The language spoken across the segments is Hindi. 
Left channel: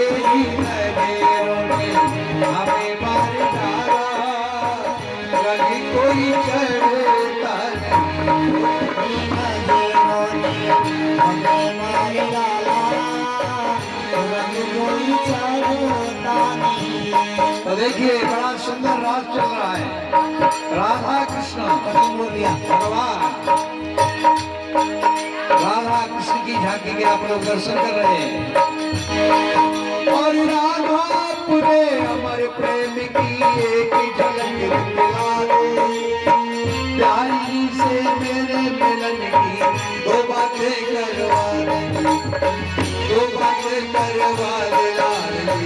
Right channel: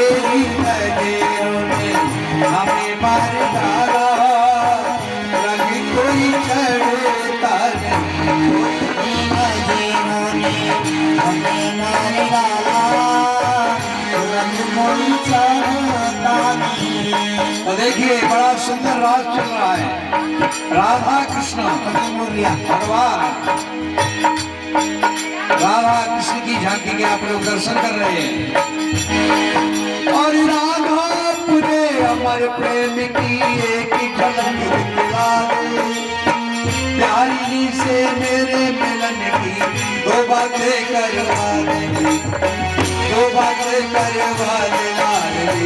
तेरी नजरों ने हमें मार डाला, रंग कोई चढ़ता नहीं। नजरों ने हमें मार डाला, रंग कोई चढ़ता नहीं। तो देखिए बड़ा सुंदर राग चल रहा है, राधा कृष्ण भगवान राधा कृष्ण की झांकी के आप लोग दर्शन कर रहे हैं। और राधा पूरे अमर प्रेम की एक झलक दिखला दे, प्यारी से मेरे मिलन की दो बातें करवा दे, दो बातें करवा दे लाडली,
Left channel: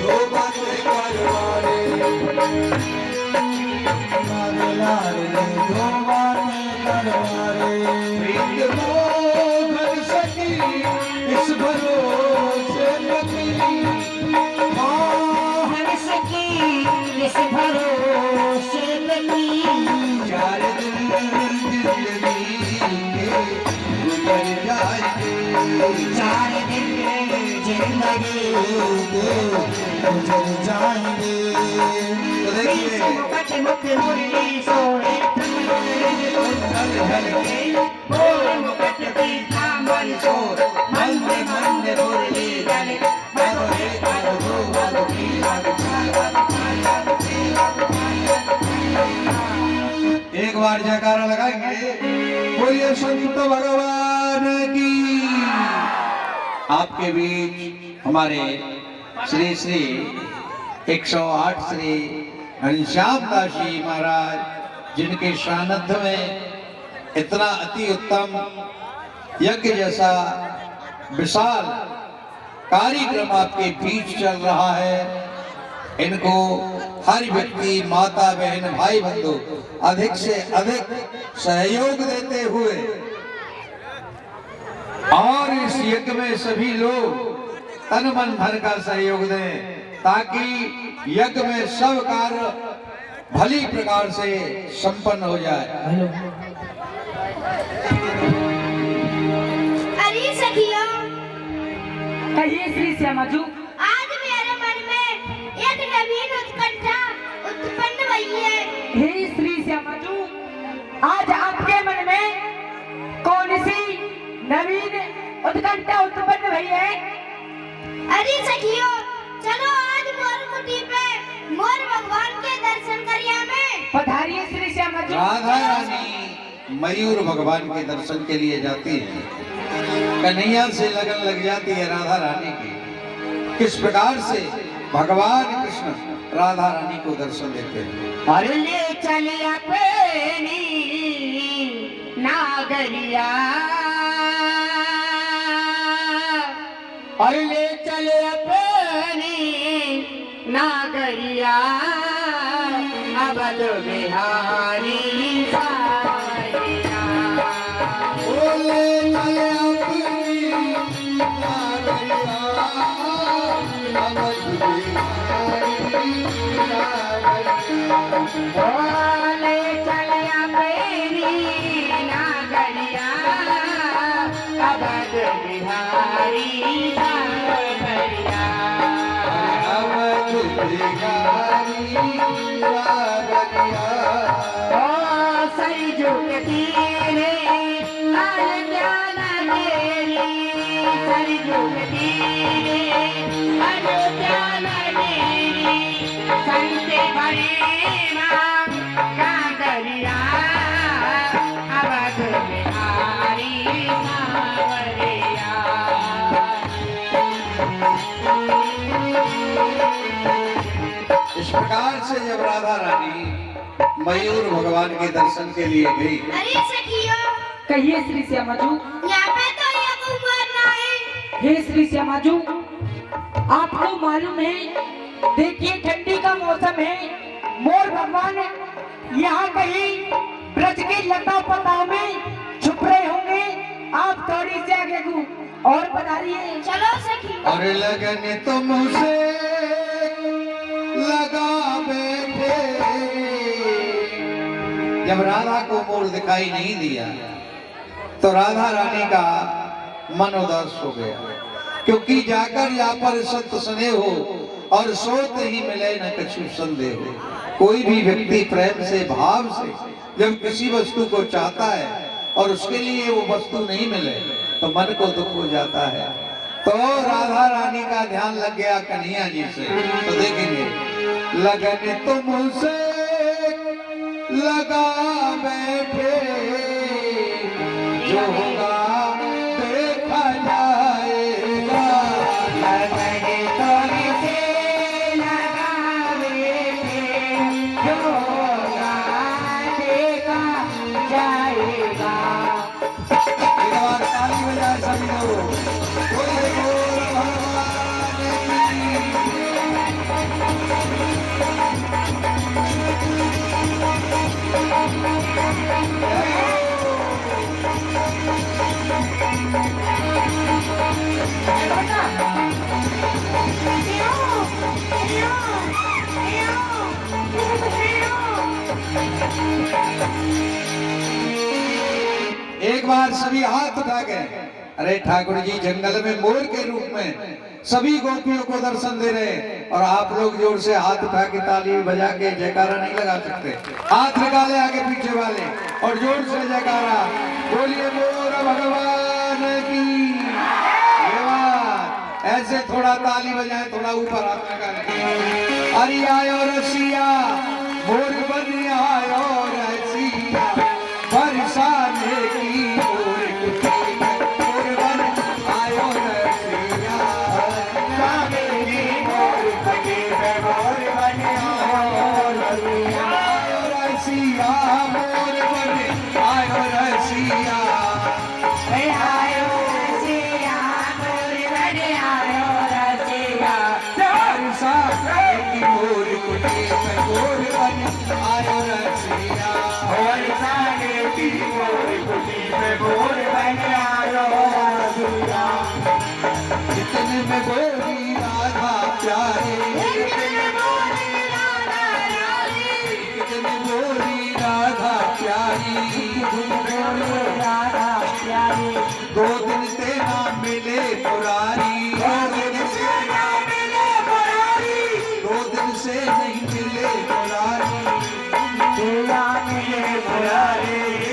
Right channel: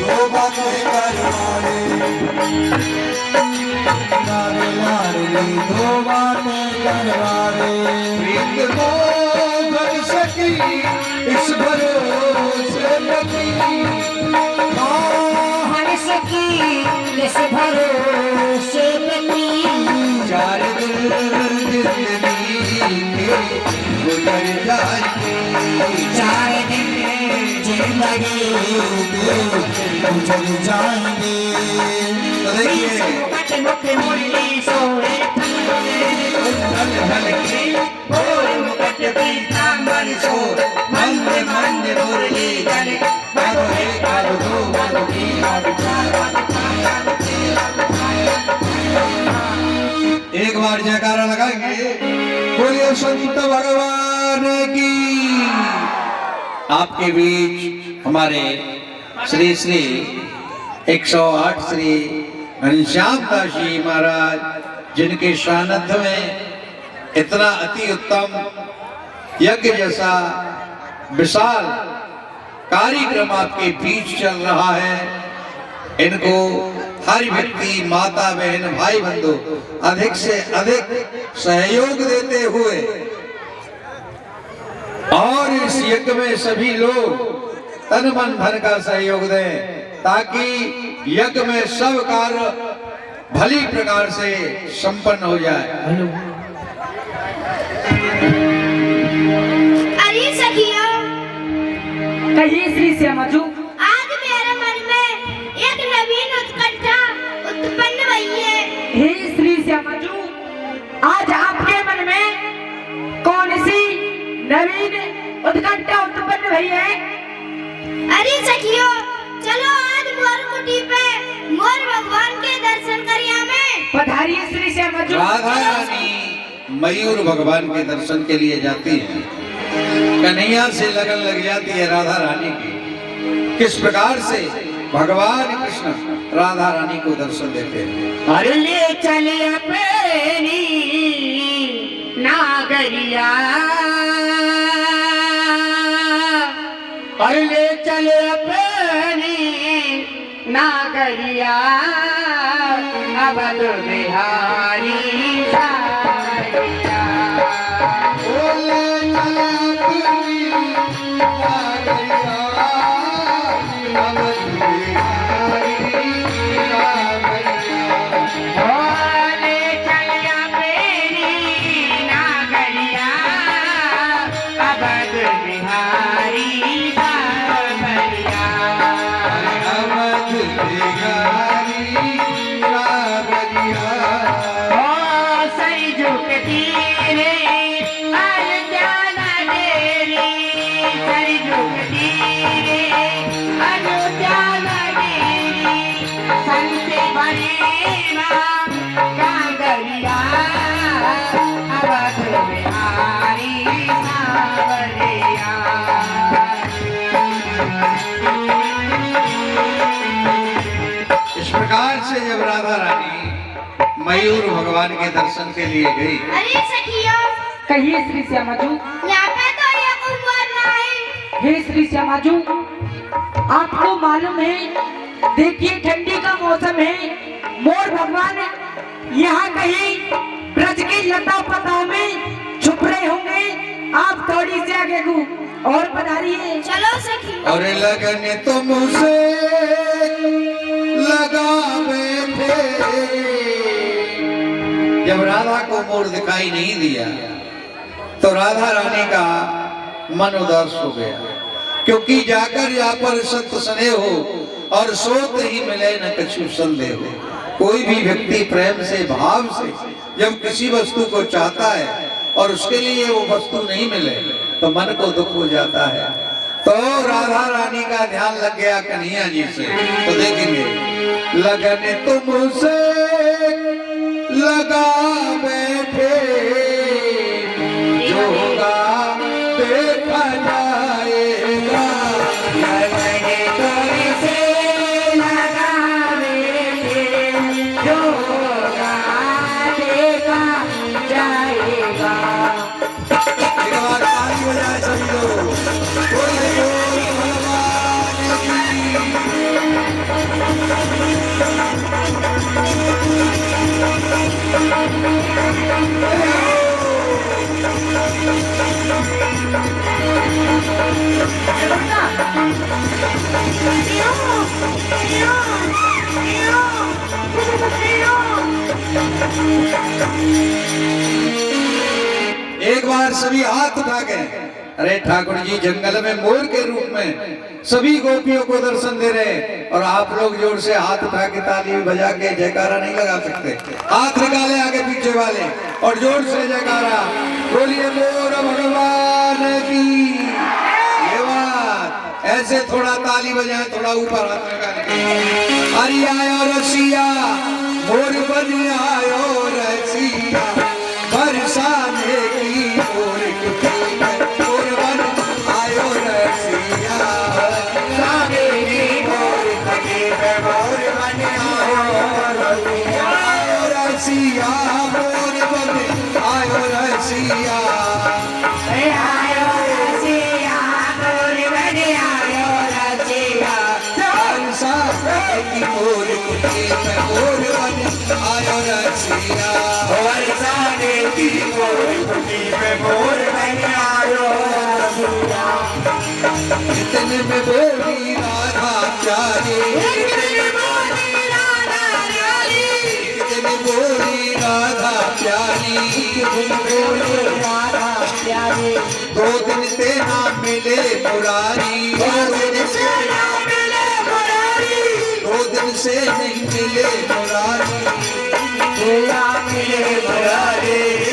दो बातें करवा दे लाडली, दो बातें करवा दे। प्रीत भर सकी इस भरोसे लगी, हर सकी इस भरोसे लगी। चार दिन जिंदगी के गुजर जाएंगे, चार दिन जिंदगी के गुजर जाएंगे। तो देखिए मुरली सोए एक बार जयकारा लगाएंगे, बोलिए संत भगवान की। आपके बीच हमारे श्री श्री 108 श्री घनश्याम दास जी महाराज, जिनके सानिध्य में इतना अति उत्तम यज्ञ जैसा विशाल कार्यक्रम आपके बीच चल रहा है, इनको हर व्यक्ति, माता बहन, भाई बंधु अधिक से अधिक सहयोग देते हुए और इस यज्ञ में सभी लोग तन मन धन का सहयोग दें, ताकि यज्ञ में सब कार्य भली प्रकार से संपन्न हो जाए। अरे सखिया, कहिए श्री श्यामाजू। आज मेरे मन में एक नवीन उत्कंठा उत्पन्न हुई है। हे श्री श्यामाजू, आज आपके मन में कौन सी नवीन उत्कंठा उत्पन्न हुई है? अरे सखियो, चलो आज मोर कुटी पे मोर भगवान के दर्शन करिया में। पधारिए श्री श्यामाजू। राधा रानी मयूर भगवान के दर्शन के लिए जाती है, कन्हैया से लगन लग जाती है राधा रानी की। किस प्रकार से भगवान कृष्ण राधा रानी को दर्शन देते हैं। अरे ले चले अपनी नागरिया, अरे ले चले अपनी नागरिया, अवध बिहारी सावरिया। बोले अपनी नागरिया, अवध बिहारी सावरिया। ले चले अपनी नागरिया, अवध बिहारी सावरिया। अवध बिहारी सावरिया। सरी झुकती रे अयोध्या नगरी, सरी झुकती रे अयोध्या नगरी, संत बड़ी राम कांगरिया, अवध बिहारी सावरिया। इस प्रकार से जब राधा रानी मयूर भगवान के दर्शन के लिए गई। अरे सखियो, कहिए श्री श्यामाजू। यहाँ पे तो ये कुछ बोल रहा है। हे श्री श्यामाजू, आपको मालूम है, देखिए ठंडी का मौसम है, मोर भगवान यहाँ कहीं ब्रज के लता पता में छुप रहे होंगे। आप थोड़ी से आगे को और पधारिए। चलो सखी। और लगन तुमसे लगा बैठे। जब राधा को मोर दिखाई नहीं दिया तो राधा रानी का मन उदास हो गया। क्योंकि जाकर या पर संत स्नेह हो और सोत ही मिले न कछु संदेह हो। कोई भी व्यक्ति प्रेम से भाव से जब किसी वस्तु को चाहता है और उसके लिए वो वस्तु नहीं मिले तो मन को दुख हो जाता है। तो राधा रानी का ध्यान लग गया कन्हैया जी से, तो देखेंगे लगन तुमसे लगा बैठे जो होगा देखा जाएगा। एक बार ताली बजाए सभी लोग। बोले बोल भगवान की। एक बार सभी हाथ उठा के, अरे ठाकुर जी जंगल में मोर के रूप में सभी गोपियों को दर्शन दे रहे, और आप लोग जोर से हाथ उठा के ताली बजा के जयकारा नहीं लगा सकते। हाथ निकाले आगे पीछे वाले और जोर से जयकारा, बोलिए मोर भगवान की। ये बात ऐसे थोड़ा ताली बजाएं, थोड़ा ऊपर हाथ निकाले। हरि आयो रसिया मोर बन आयो रसिया, बरसाने की मोर कुटी में मोर बन आयो रसिया, बरसाने की मोर कुटी में मोर बन आयो रसिया, मोर बन आयो रसिया। बरसाने की मोर कुटी में मोर बन आयो रसिया, बरसाने की मोर कुटी में मोर बन आयो रसिया। इतने में बोली राधा प्यारी, इतने में बोली राधा प्यारी, दो दिन से ना मिले मुरारी, दो दिन से नहीं मिले मुरारी,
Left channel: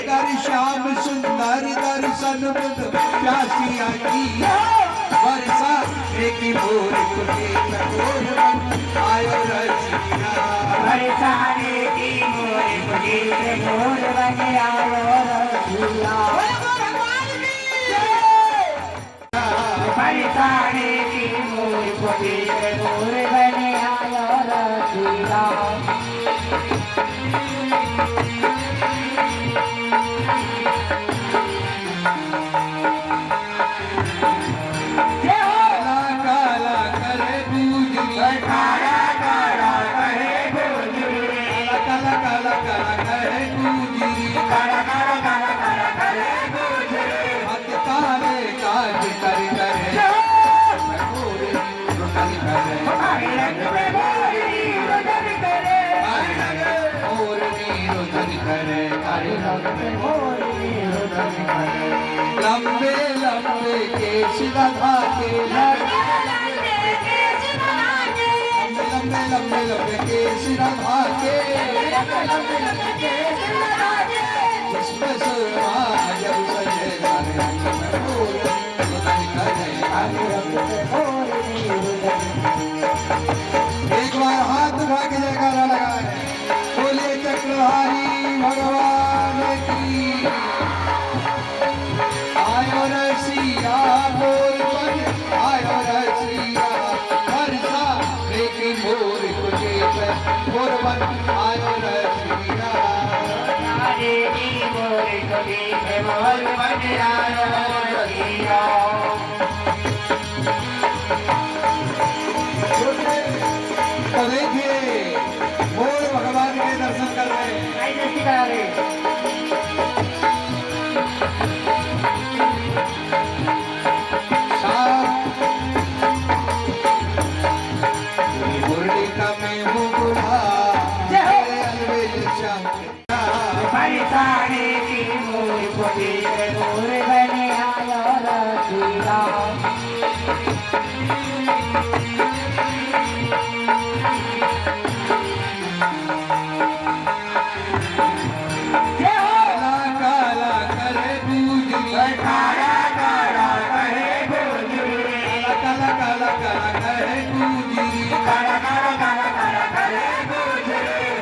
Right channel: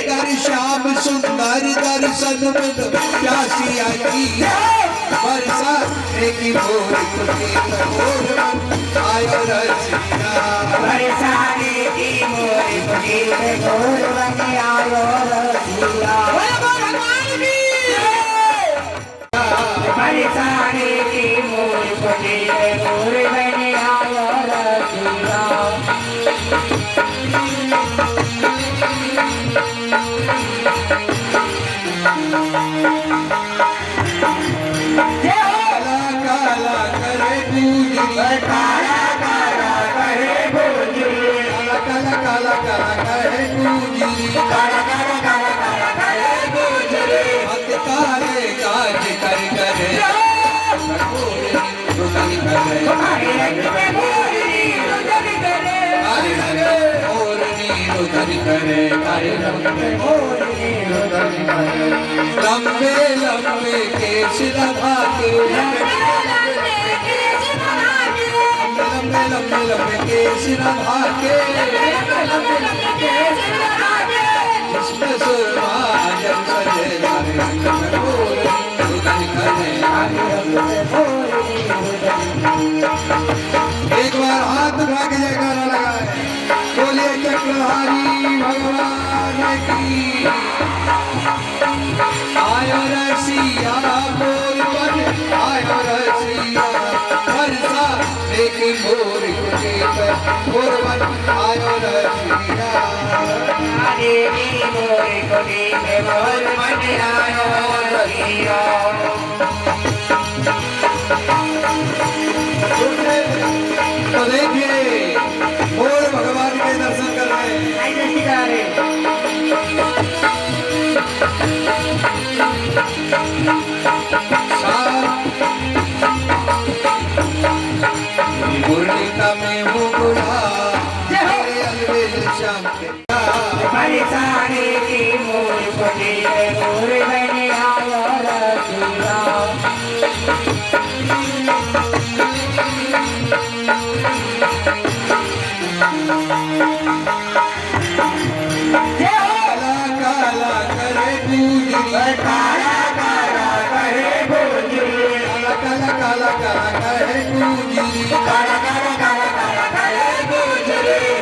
दर श्याम सुंदर दर्शन बिन प्यासी आई, बरसाने की मोर कुटी में मोर बन आयो रसिया, बरसाने की मोर कुटी में मोर बन आयो रसिया। बरसाने की मोर कुटी में मोर बन आयो रसिया। लंबे लंबे केश लगा के, लंबे लंबे केश लगा के, इसमें सुरमा जब सजे एक बार हाथ उठा के जयकारा लगाए, बोलिए चक्रधारी भगवान की। आयो रसिया मोर बन आयो रसिया, बरसाने की मोर कुटी में मोर बन आयो रसिया, बरसाने की मोर कुटी में मोर बन आयो रसिया। तो देखिए मोर भगवान के दर्शन कर रहे हैं। मुरलिका में वो बुढ़ा अलवेल श्याम के, बरसाने की मोर कुटी में मोर बन आयो रसिया। कहे गुजरी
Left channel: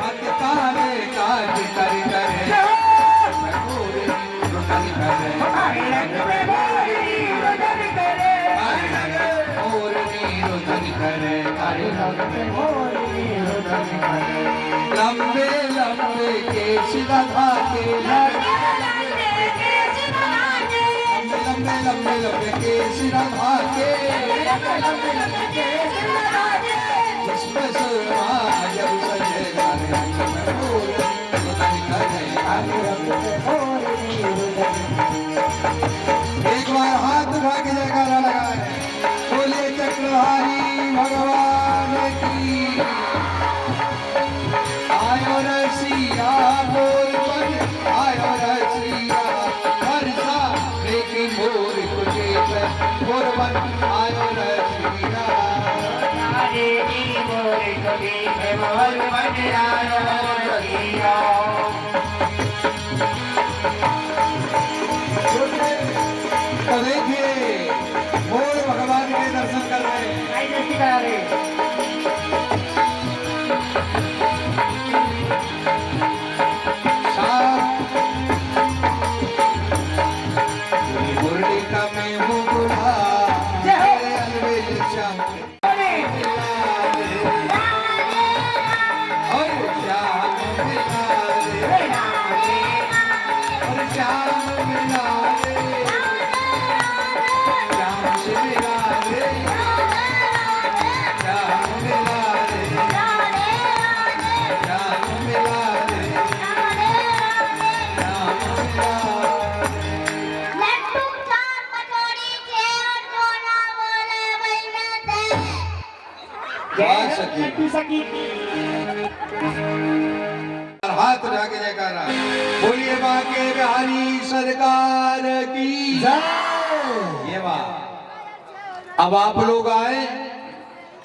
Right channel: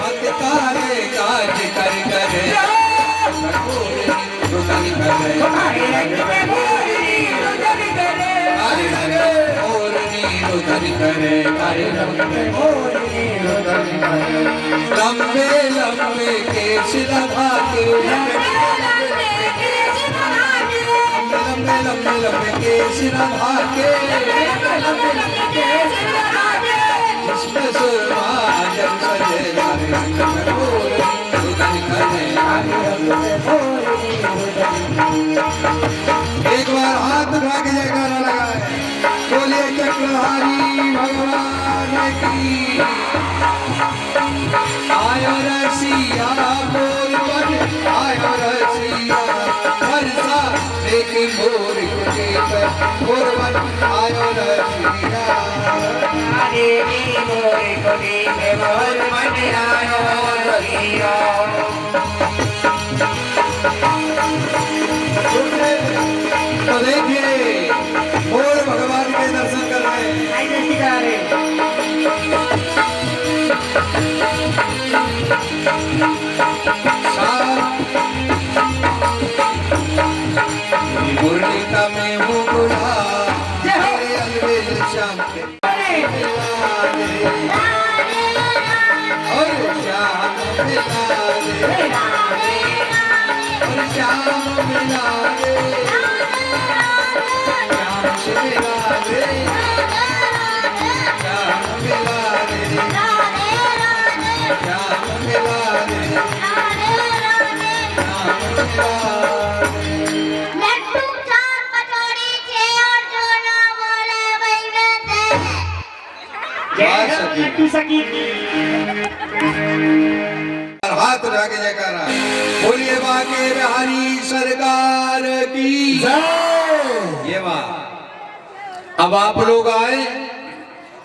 भक्त तारे काज कर करे रुदन करे लंबे लंबे केश लगा के लंबे लंबे केश लगा के इसमें सुरमा जब सजे रुदन करे एक बार हाथ उठा के जयकारा लगाए बोलिए चक्रधारी भगवान की आयो रसिया मोर पर आयो रसिया हरसा एक मोर कुटी पे मोर बन आयो रसिया मोर कुटी पे मोर बन आयो रसिया तो देखिए मोर भगवान के दर्शन कर रहे हैं मुरली का मैं हूँ बूढ़ा तेरे अलवेल श्याम के और श्याम मिला रे और श्याम मिला रे श्याम से मिला रे श्याम मिला रे श्याम मिला रे श्याम मिला लड्डू चार कटोरी छे और जो ना बोले वही कहते हैं। जय हो लड्डू सखी हाथ उठा के जयकारा बोलिए बाके बिहारी सरकार की ये बात। अब आप लोग आए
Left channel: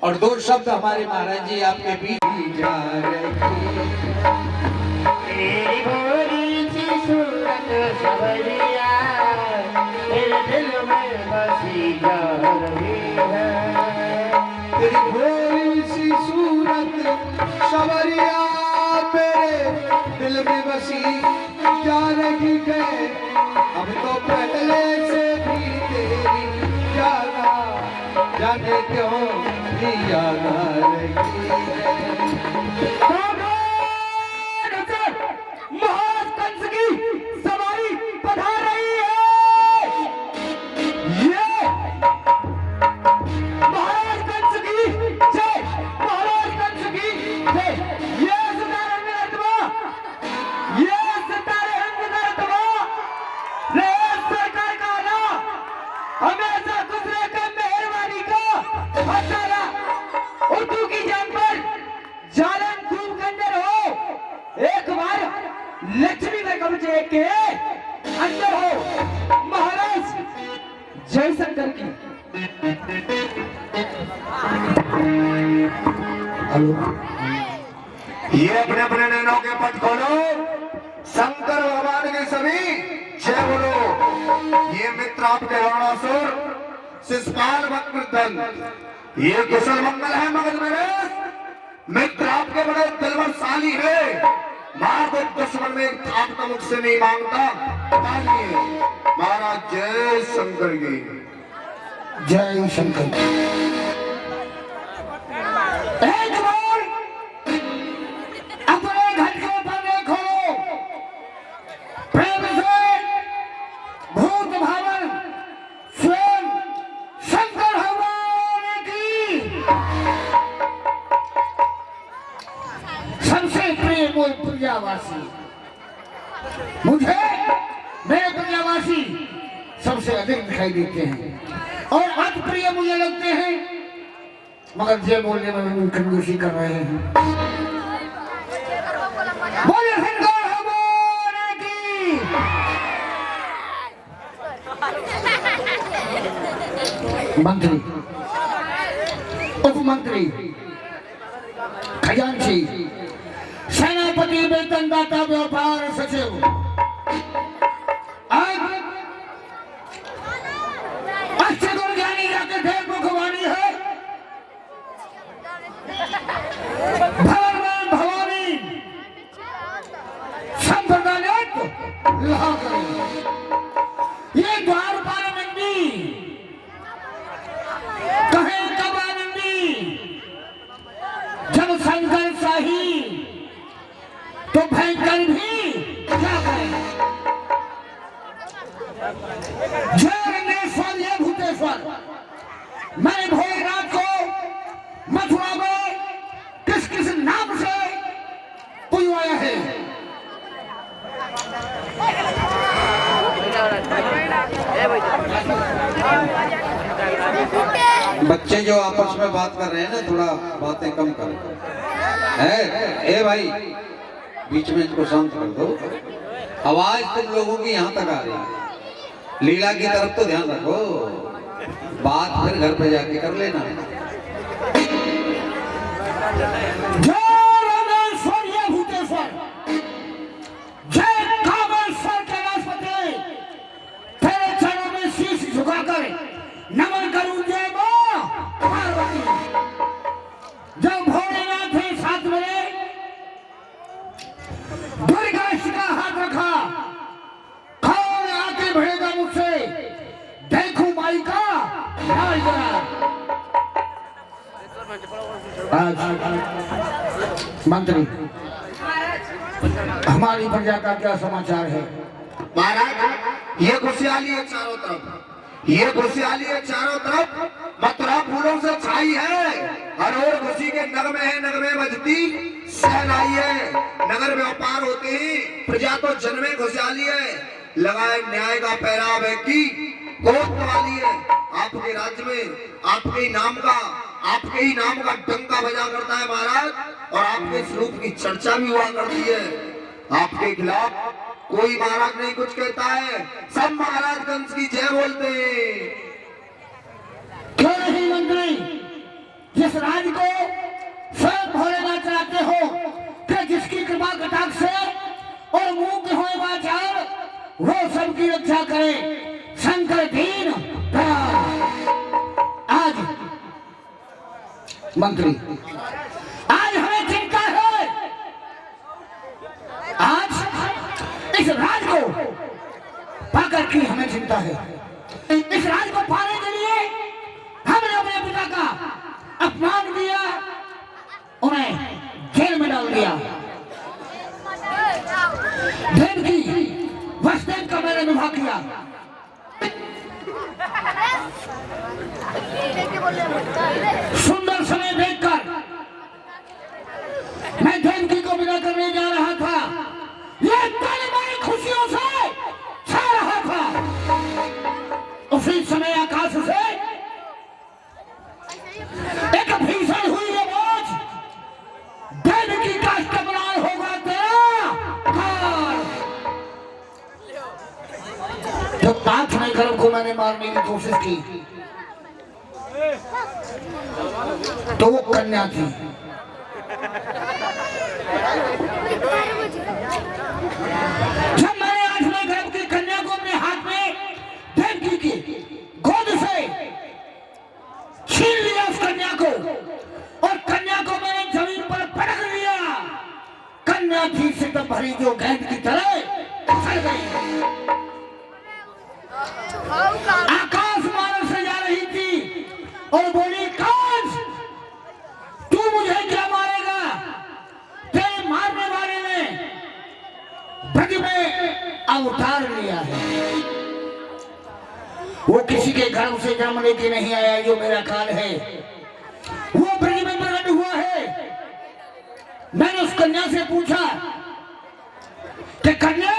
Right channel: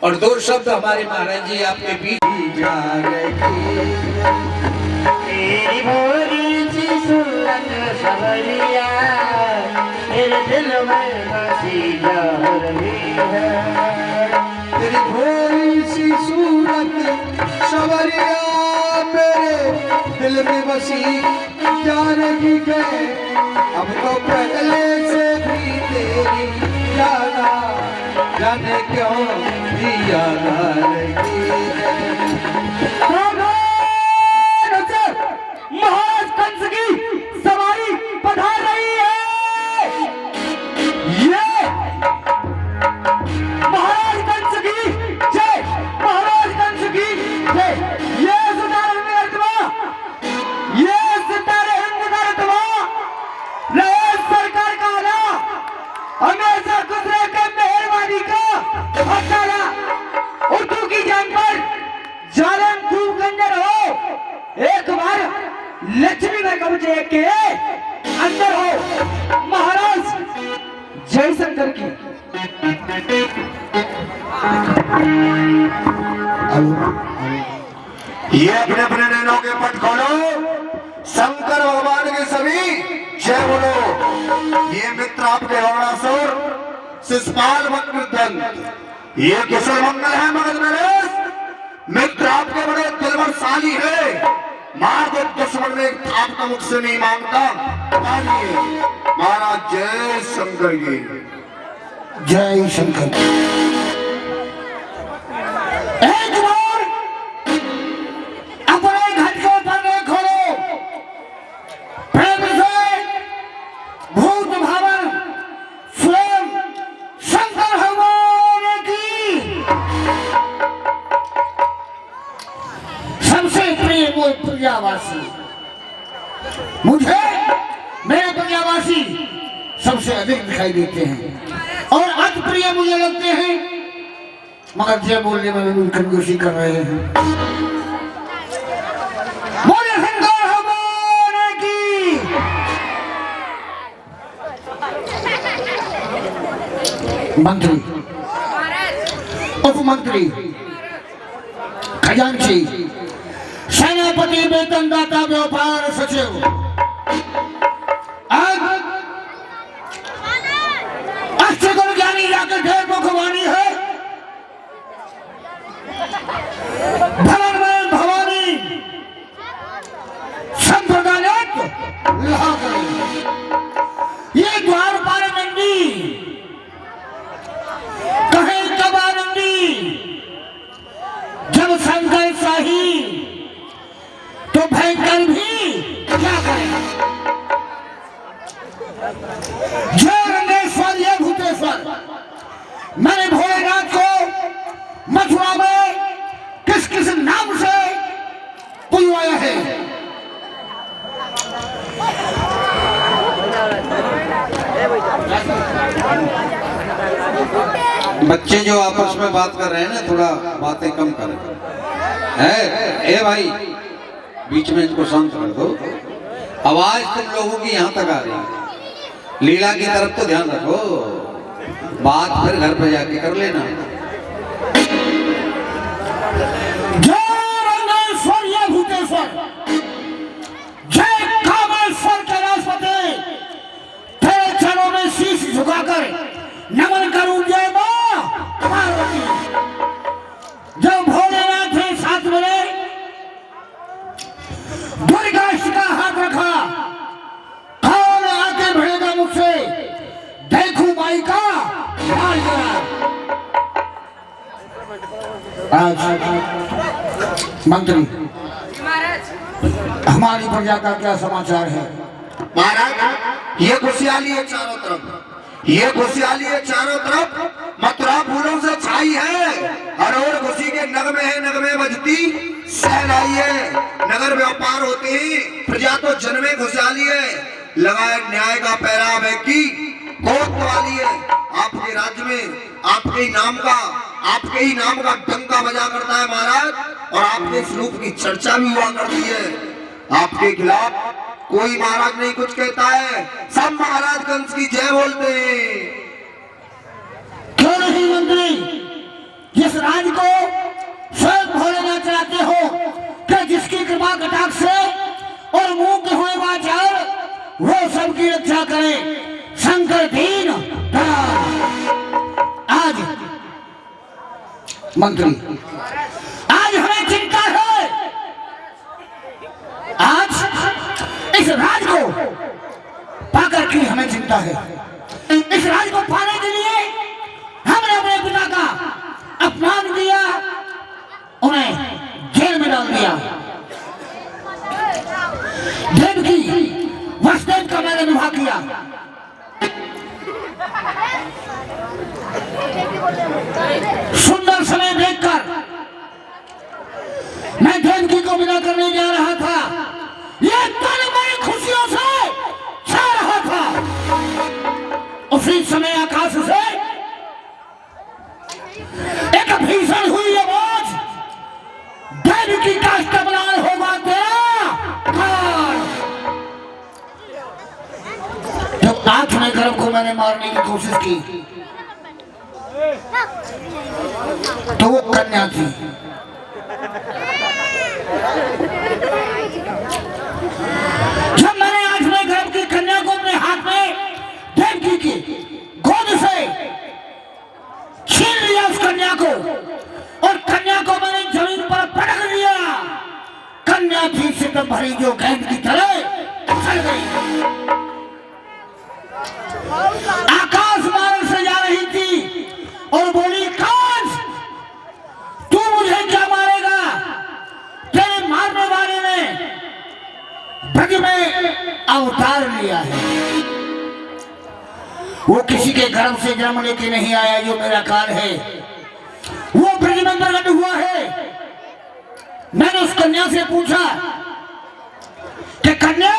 और दो शब्द हमारे महाराज जी आपके बीच जा रही तेरी भोली सी सूरत सवरिया मेरे दिल में बसी जा रही है। तेरी भोली सी सूरत सवरिया मेरे दिल में बसी जानकी के अब तो पहले से भी तेरी जाना जाने क्यों भी याद आ रही महाराज कंस की सवारी पधार रही है। ये महाराज कंस की जय, महाराज कंस की जय। ये सितारे हिंद करतवा रहे सरकार का आला हमेशा गुजरे के मेहरबानी का हटाया उर्दू की जान पर जालन खूब गंजर हो। एक बार लक्ष्मी का कब्ज के अंदर हो महाराज जयशंकर की। ये अपने अपने नैनों के पट खोलो, शंकर भगवान के सभी जय बोलो। ये मित्र आपके वर्णासुर शिषपाल वक्रदंत, ये कुशल मंगल है मगध नरेश, मित्र आपके बड़े दिलवरशाली है। मार को दुश्मन ने थाप का मुख से नहीं मांगता। महाराज जय शंकर जी, जय शंकर। दुनियावासी मुझे मेरे दुनियावासी सबसे अधिक दिखाई देते हैं और अति प्रिय मुझे लगते हैं, मगर जय बोलने में भी कंजूसी कर रहे हैं। बोले शंकर भगवान की। मंत्री, उप मंत्री, खजांची, सेनापति, वेतनदाता, व्यापार सचिव, अष्टगुण ज्ञानी जाकर ढेर मुखवाणी है। बात कर रहे हैं ना, थोड़ा बातें कम करें। है ए भाई, बीच में इनको शांत कर दो। आवाज तुम लोगों की यहाँ तक आ रही है, लीला की तरफ तो ध्यान रखो, बात फिर घर पे जाके कर लेना। जय रामेश्वर ये भूतेश्वर, जय कामेश्वर कैलाशपति, तेरे चरणों में शीश झुकाकर नमन करूं जय मां पार्वती। जब भोलेनाथ ने 7 बजे दुर्गाष्ट का हाथ रखा, कौन आके भिड़ेगा मुझसे, देखू माई का हाल करा। आज मंत्री हमारी प्रजा का क्या समाचार है? महाराज, ये खुशहाली है चारों तरफ, ये खुशहाली है चारों तरफ, मथुरा फूलों से छाई है। हरोड़ खुशी के नगमे है, नगमे बजती सहलाई है। नगर व्यापार होते ही प्रजा तो जन्मे खुशहाली है। लगाए न्याय का पहराव है की कोत वाली है। आपके राज्य में आपके ही नाम का डंका बजा करता है महाराज, और आपके स्वरूप की चर्चा भी हुआ करती है। आपके खिलाफ कोई महाराज नहीं कुछ कहता है, सब महाराज कंस की जय बोलते हैं। क्यों नहीं मंत्री, जिस राज को स्वयं भोलेनाथ चलाते हो, क्या जिसकी कृपा कटाक्ष से और मुंह के हुए वाचार वो सबकी रक्षा करे। शंकर दीन आज मंत्री, आज हमें चिंता है। आज इस राज को पाकर की हमें चिंता है। इस राज को पाने के लिए हमने अपने पिता का अपमान किया, उन्हें जेल में डाल दिया। देवकी वसुदेव का मैंने विवाह किया। सुंदर समय देखकर मैं देवकी को विदा करने जा रहा था। ये तन बड़ी खुशियों से छा रहा था। उसी समय आकाश से एक भीषण हुई आवाज, देवकी का इस्तेमाल होगा तेरा काल। जब नाथ ने गर्भ को मैंने मारने की कोशिश की तो वो कन्या थी। जब मैंने 8वें गर्भ की कन्या को अपने हाथ में देवकी की गोद से छीन लिया उस कन्या को, और कन्या को मैंने जमीन पर पटक दिया। कन्या भी से तो भरी जो गेंद की तरह उछल गई। आकाश मार्ग से जा रही थी और बोली, काश तू मुझे क्या मारेगा? तेरे मारने वाले ने ब्रज में अवतार लिया है। वो किसी के गर्भ से जन्म लेके नहीं आया जो मेरा काल है, वो ब्रज में प्रकट हुआ है। मैंने उस कन्या से पूछा कि कन्या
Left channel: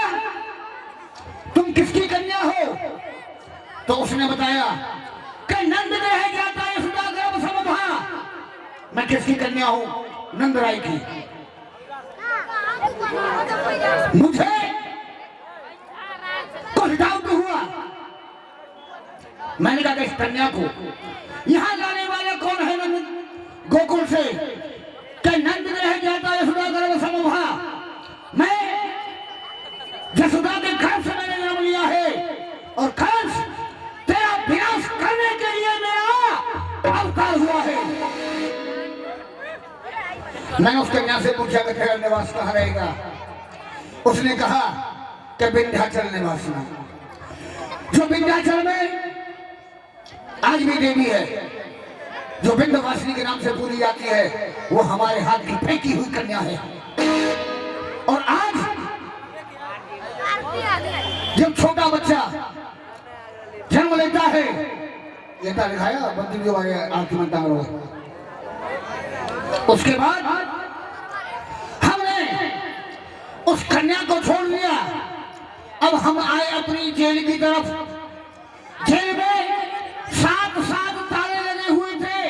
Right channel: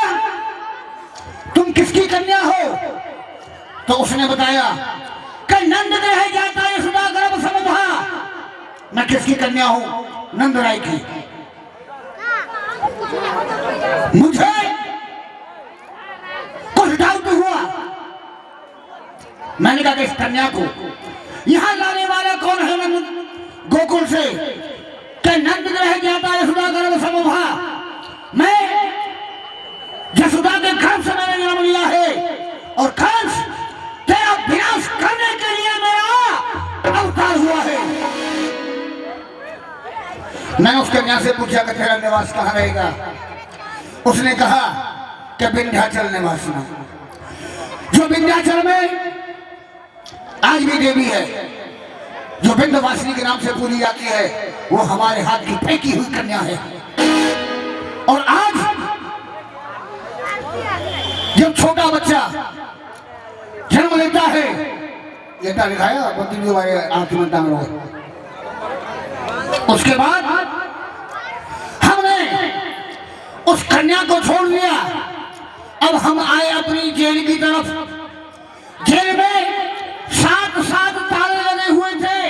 तुम किसकी कन्या हो? तो उसने बताया कि नंद ग्रह जाता है सुधा गर्भ समभा। मैं किसकी कन्या हूं? नंद राय की। मुझे कुछ डाउट हुआ। मैंने कहा कि इस कन्या को यहां लाने वाला कौन है? नंद गोकुल से कि नंद ग्रह जाता है सुधा गर्भ समभा। मैं यशोदा के गर्भ से मैंने जन्म लिया है, और कंस तेरा विनाश करने के लिए मेरा अवतार हुआ है। मैंने उस कन्या से पूछा कि तेरा निवास कहाँ रहेगा? उसने कहा कि विंध्याचल निवास में। जो विंध्याचल में आज भी देवी है, जो विंध्यवासिनी के नाम से पूजी जाती है, वो हमारे हाथ की फेंकी हुई कन्या है। और आज जब छोटा बच्चा जन्म लेता है, ये दिखाया मंत्री जी हमारे आरती में टांग रहे। उसके बाद हमने उस कन्या को छोड़ दिया। अब हम आए अपनी जेल की तरफ। जेल में 7 ताले लगे हुए थे।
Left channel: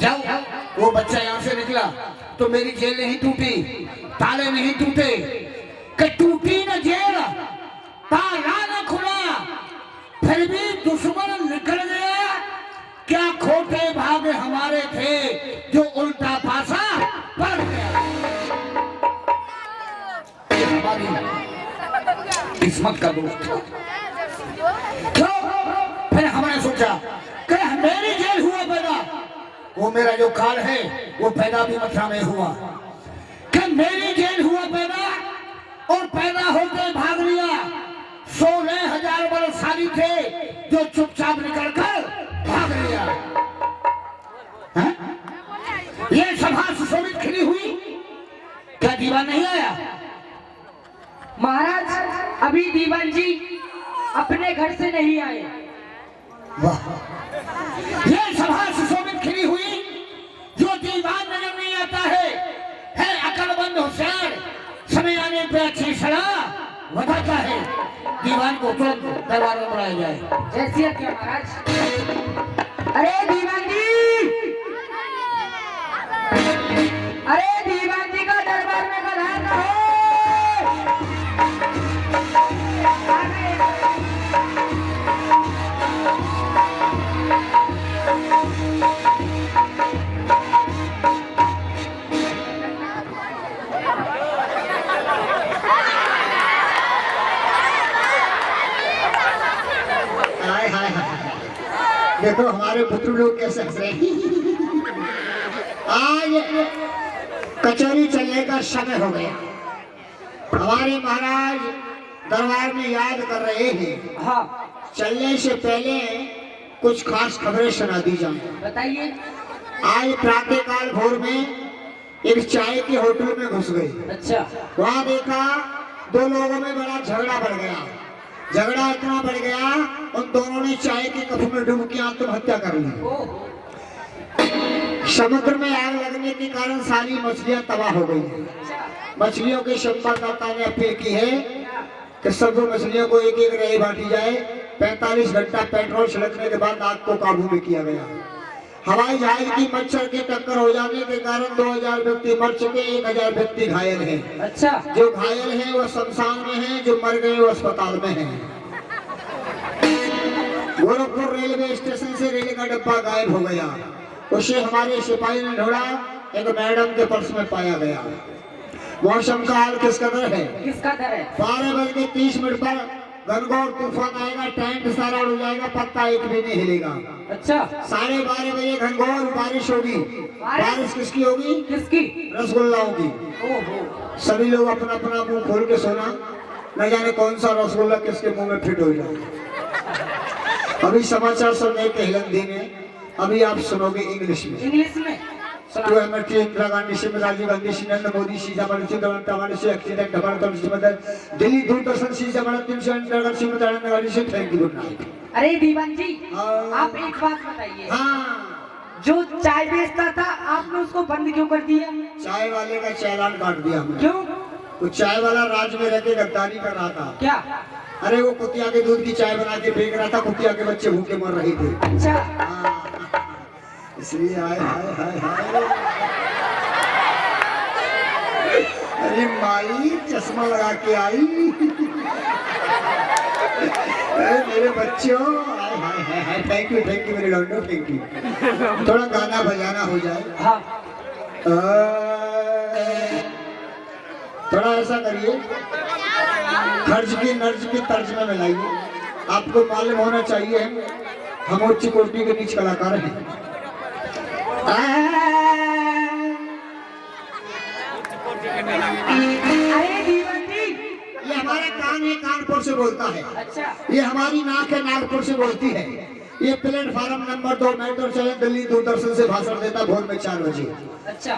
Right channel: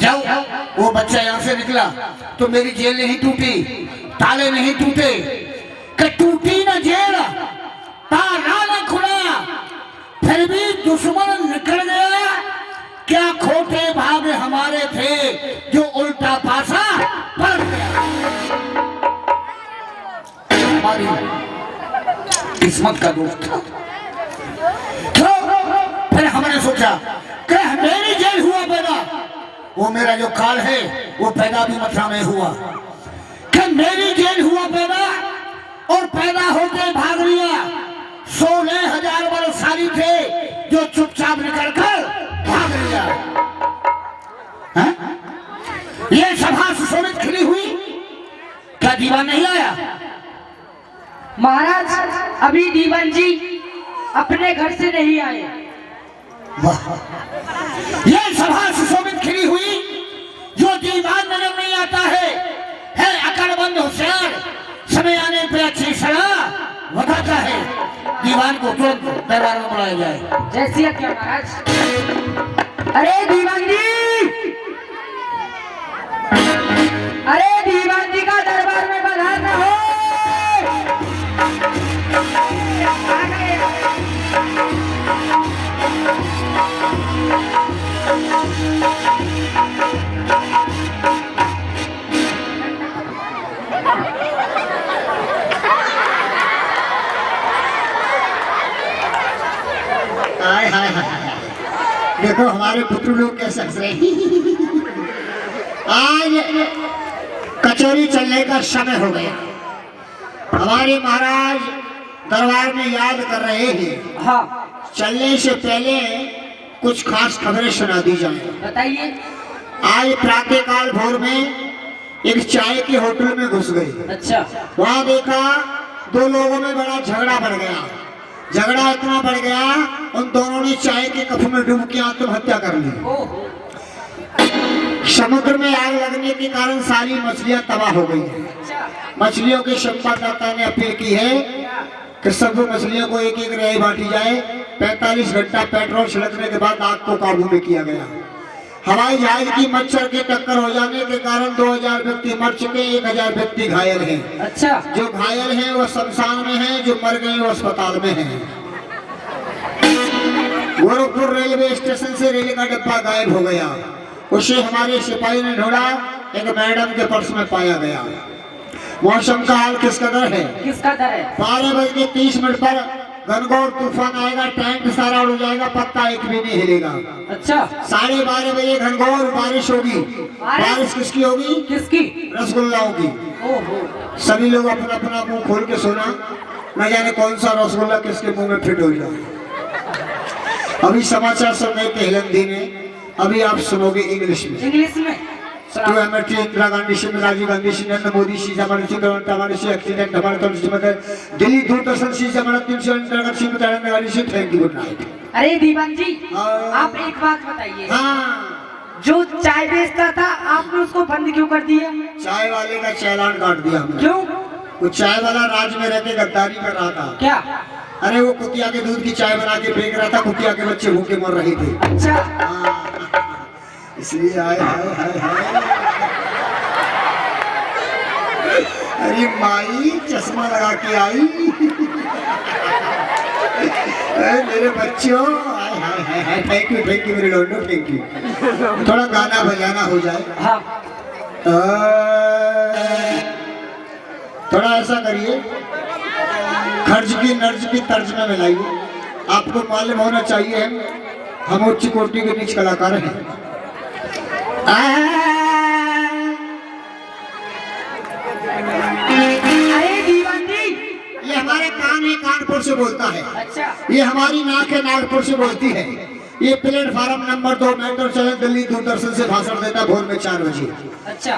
जब वो बच्चा यहाँ से निकला तो मेरी जेल नहीं टूटी, ताले नहीं टूटे, कि टूटी न जेल, ताला न खुला, फिर भी दुश्मन निकल गया। क्या खोटे भाग हमारे थे जो उल्टा पासा पलट गया। हमारी किस्मत का दोस्त था। फिर हमने सोचा कि मेरी जेल हुआ पैदा, वो मेरा जो काल है वो पैदा भी मथुरा में हुआ, कि मेरी जेल हुआ पैदा और पैदा होते भाग लिया। 16,000 बलशाली थे जो चुपचाप निकल कर भाग लिया। ये सभा सुशोभित खिली हुई, क्या दीवान नहीं आया? महाराज अभी दीवान जी अपने घर से नहीं आए। वाह, ये सभा सुशोभित खिली हुई, जो दीवान नजर नहीं आता है अकड़बंद होशियार, समय आने पे अच्छी सलाह बताता है। दीवान को तुरंत दरबार में बुलाया जाए। जैसी आज्ञा महाराज। अरे दीवान जी, अरे दीवान जी का दरबार में पधारना हो। हाय हाय हाय, देखो हमारे पुत्र लोग कैसे हंस रहे हैं। आज कचौरी चलने का समय हो गया। हमारे महाराज दरबार में याद कर रहे हैं। हाँ चलने से पहले कुछ खास खबरें सुना दी जाए। बताइए। आज प्रातः काल भोर में एक चाय के होटल में घुस गए। अच्छा। वहां देखा दो लोगों में बड़ा झगड़ा बढ़ गया। झगड़ा इतना बढ़ गया, उन दोनों ने चाय के कप में डूब के आत्महत्या कर ली। समुद्र में आग लगने के कारण सारी मछलियां तबाह हो गई हैं। मछलियों के संवाददाता ने अपील की है कि सभी मछलियों को एक एक रेई बांटी जाए। 45 घंटा पेट्रोल छिड़कने के बाद आग को काबू में किया गया। हवाई जहाज की मच्छर के टक्कर हो जाने के कारण 2000 व्यक्ति मर चुके, 1000 व्यक्ति घायल हैं। अच्छा। जो घायल हैं वो शमशान में हैं, जो मर गए वो अस्पताल में हैं। गोरखपुर रेलवे स्टेशन से रेल का डिब्बा गायब हो गया। उसे हमारे सिपाही ने ढूंढा, एक मैडम के पर्स में पाया गया। मौसम का हाल किस कदर है? किस कदर है? 12:30 पर घनघोर तूफान आएगा, टैंक सारा उड़ जाएगा, पत्ता एक भी नहीं हिलेगा। अच्छा। 12:30 बजे घनघोर बारिश होगी। बारिश किसकी होगी? किसकी? रसगुल्लाओं की। ओहो। सभी लोग अपना अपना मुंह खोल के सोना, न जाने कौन सा रसगुल्ला किसके मुंह में फिट हो जाए। अभी समाचार सुनने के हिंदी में, अभी आप सुनोगे इंग्लिश में। इंग्लिश में इंदिरा गांधी सिंह, राजीव गांधी सिंह, नरेंद्र मोदी सिंह, एक्सीडेंट हमारे Delhi Doordarshan Singh, thank you, good night. अरे दीवान जी, आप एक बात बताइए। हाँ, जो चाय बेचता था आपने उसको बंद क्यों कर दिया? चाय वाले का चालान काट दिया हमने। क्यों? वो चाय वाला राज्य में रहकर गद्दारी कर रहा था। क्या? अरे वो कुतिया के दूध की चाय बना के फेंक रहा था, कुतिया के बच्चे भूखे मर रहे थे। अच्छा। इसलिए आए हाय हाय हाय। अरे माई चश्मा लगा के आई। अरे मेरे बच्चों, हाय हाय हाय हाय, थैंक यू मेरे लोगों, थैंक यू। थोड़ा गाना बजाना हो जाए। हाँ। थोड़ा ऐसा करिए, खर्च की नर्ज की तर्ज में मिलाइए। आपको मालूम होना चाहिए हम उच्च कोटि के नीच कलाकार हैं। अरे दीवान जी, ये हमारे कान है, कानपुर से बोलता है। अच्छा। ये हमारी नाक है, नागपुर से बोलती है। ये प्लेटफार्म नंबर 2 मेट्रो चले, दिल्ली दूरदर्शन से भाषण देता है भोर में 4 बजे। अच्छा।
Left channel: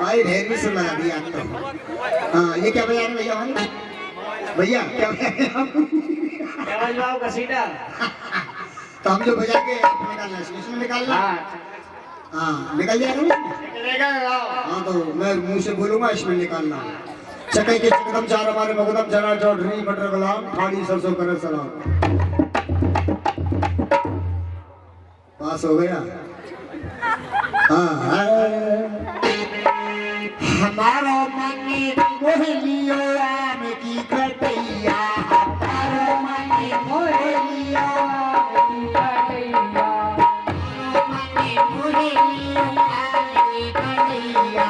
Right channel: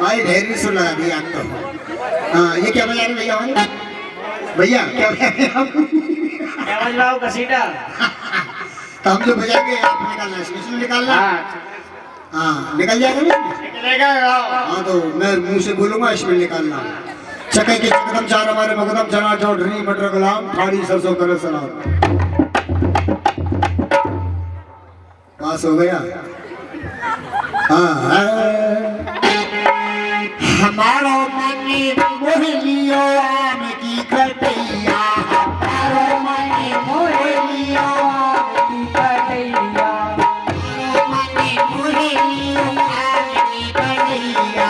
भाई ढेरी सुना दिया आप तो। हाँ, ये क्या बजा रहे भैया? भैया क्या बजा रहे आप? क्या बजवाओ घसीटा? तो हम जो बजाएंगे आप निकालना, इसमें निकालना। हाँ निकल जाएगा ना? निकलेगा गाँव। हाँ तो मैं मुंह से बोलूंगा इसमें निकालना। चके के चकदम चार हमारे मकदम चना चौधरी मटर गुलाम थाड़ी सरसों करे सलाम। पास हो गया। हाँ हमारो मन मोह लियो आम की कटैया, हमारो मन मोह लियो आम की कटैया, हमारो मन मोह लियो आम की कटैया,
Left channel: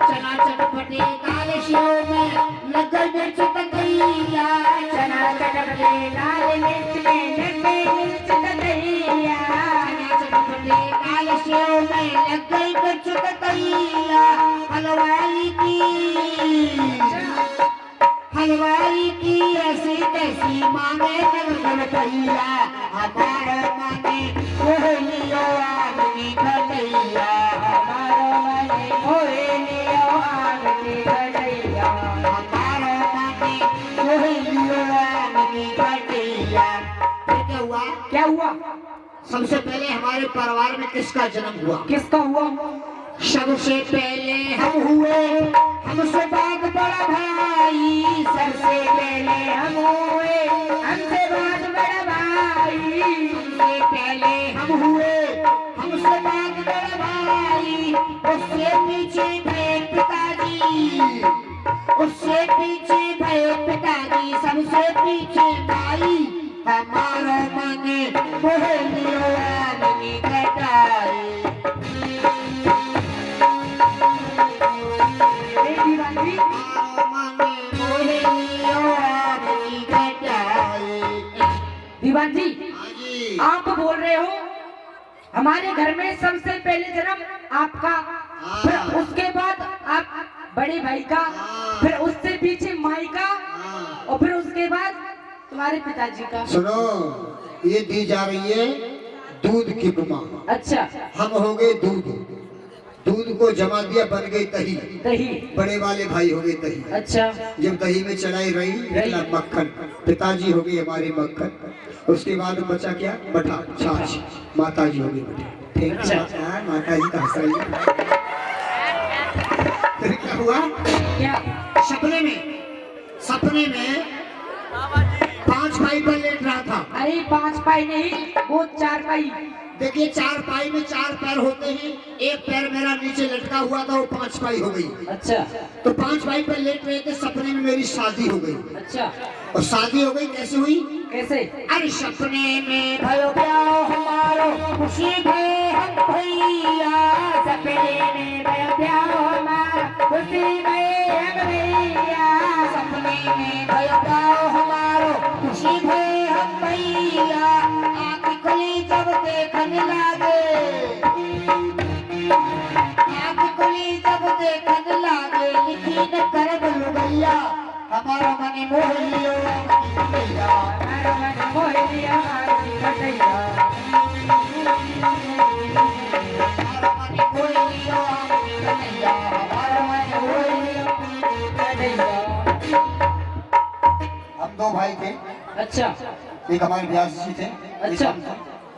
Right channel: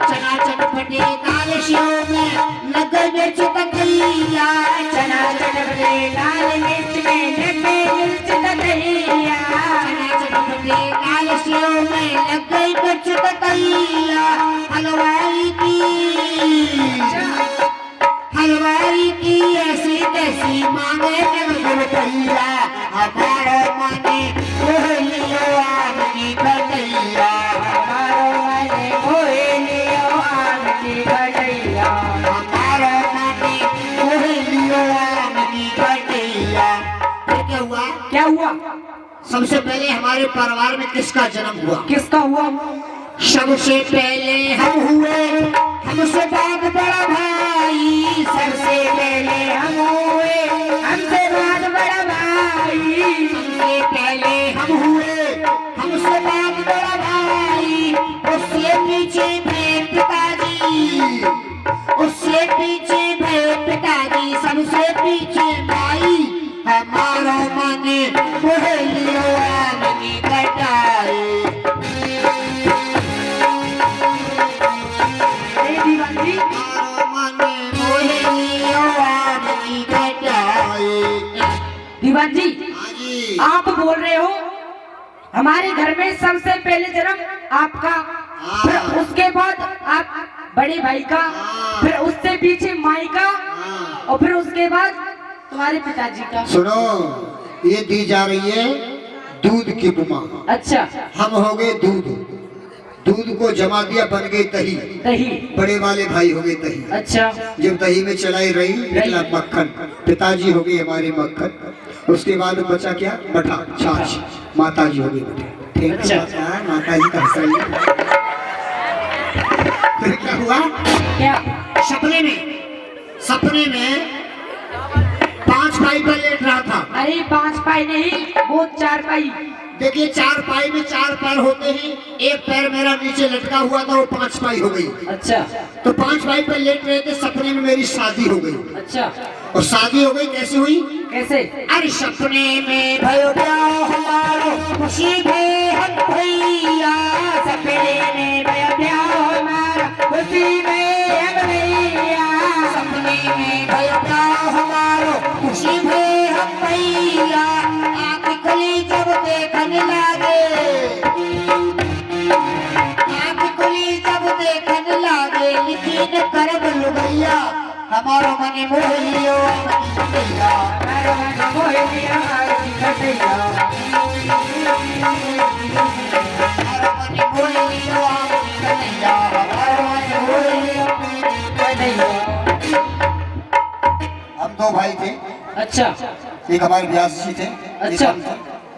चना चटपटे दाल शिव में लग मिर्च तकैया, चना चटपटे दाल मिर्च में लग मिर्च तकैया, चना चटपटे दाल शिव में लग मिर्च तकैया, हलवाई की ऐसी तैसी मांगे जगदुल भैया, हमारो मने मोह लियो आम की कटैया, हमारो मने मोह लियो आम की कटैया, हमारो मने मोह लियो आम की कटैया। फिर क्या हुआ? क्या हुआ? सबसे पहले हमारे परिवार में किसका जन्म हुआ? किसका हुआ? सबसे पहले हम हुए, हमसे बाद बड़ा भाई, सबसे पहले हम हुए, हमसे बाद बड़ा भाई, सबसे पहले हम हुए, हमसे बाद बड़ा भाई, उससे पीछे भय पिताजी, उससे पीछे भय पिताजी, सबसे पीछे भाई, हमारो मन मोह लियो आम की कटाई। दीवान जी, दीवान जी आप बोल रहे हो हमारे घर में सबसे पहले जन्म आपका, फिर उसके बाद आप बड़े भाई का, फिर उससे पीछे माई का, और फिर उसके बाद तुम्हारे पिताजी का। सुनो, ये दी जा रही है दूध की उपमा। अच्छा, हम हो गए दूध, दूध को जमा दिया बन गई दही, दही। बड़े वाले भाई हो गए दही। अच्छा, जब दही में चलाई रही निकला मक्खन, पिताजी हो गई हमारे मक्खन, उसके बाद बचा क्या? मठा छाछ, माता जी हो गई मठा। ठीक अच्छा। है, माता जी का सही। फिर क्या हुआ? क्या? सपने में 5 पाई पर लेट रहा था। अरे 5 पाई नहीं, वो 4 पाई। देखिए 4 पाई में 4 पैर होते हैं, एक पैर मेरा नीचे लटका हुआ था, वो 5 पाई हो गई। अच्छा, तो 5 पाई पर लेट रहे थे, सपने में मेरी शादी हो गई। अच्छा, और शादी हो गई कैसे हुई? कैसे? अरे सपने में भयो ब्याह हमारो, खुशी में हम भैया, सपने में भयो ब्याह हमारा, खुशी में हम भैया, सपने में भयो ब्याह हमारो, खुशी में हम भैया, आँख खुली जब देखने लगे, आँख खुली जब देखने लगे, लेकिन करब लुगैया, हमारो मन मोह लियो भैया, हमारा मन मोह लिया आरती कटैया, हमारो मन मोह लियो भैया, हमारो मन मोह लियो कटैया। हम 2 भाई थे, अच्छा, एक हमारे व्यास जी थे, एक अच्छा। हम थे।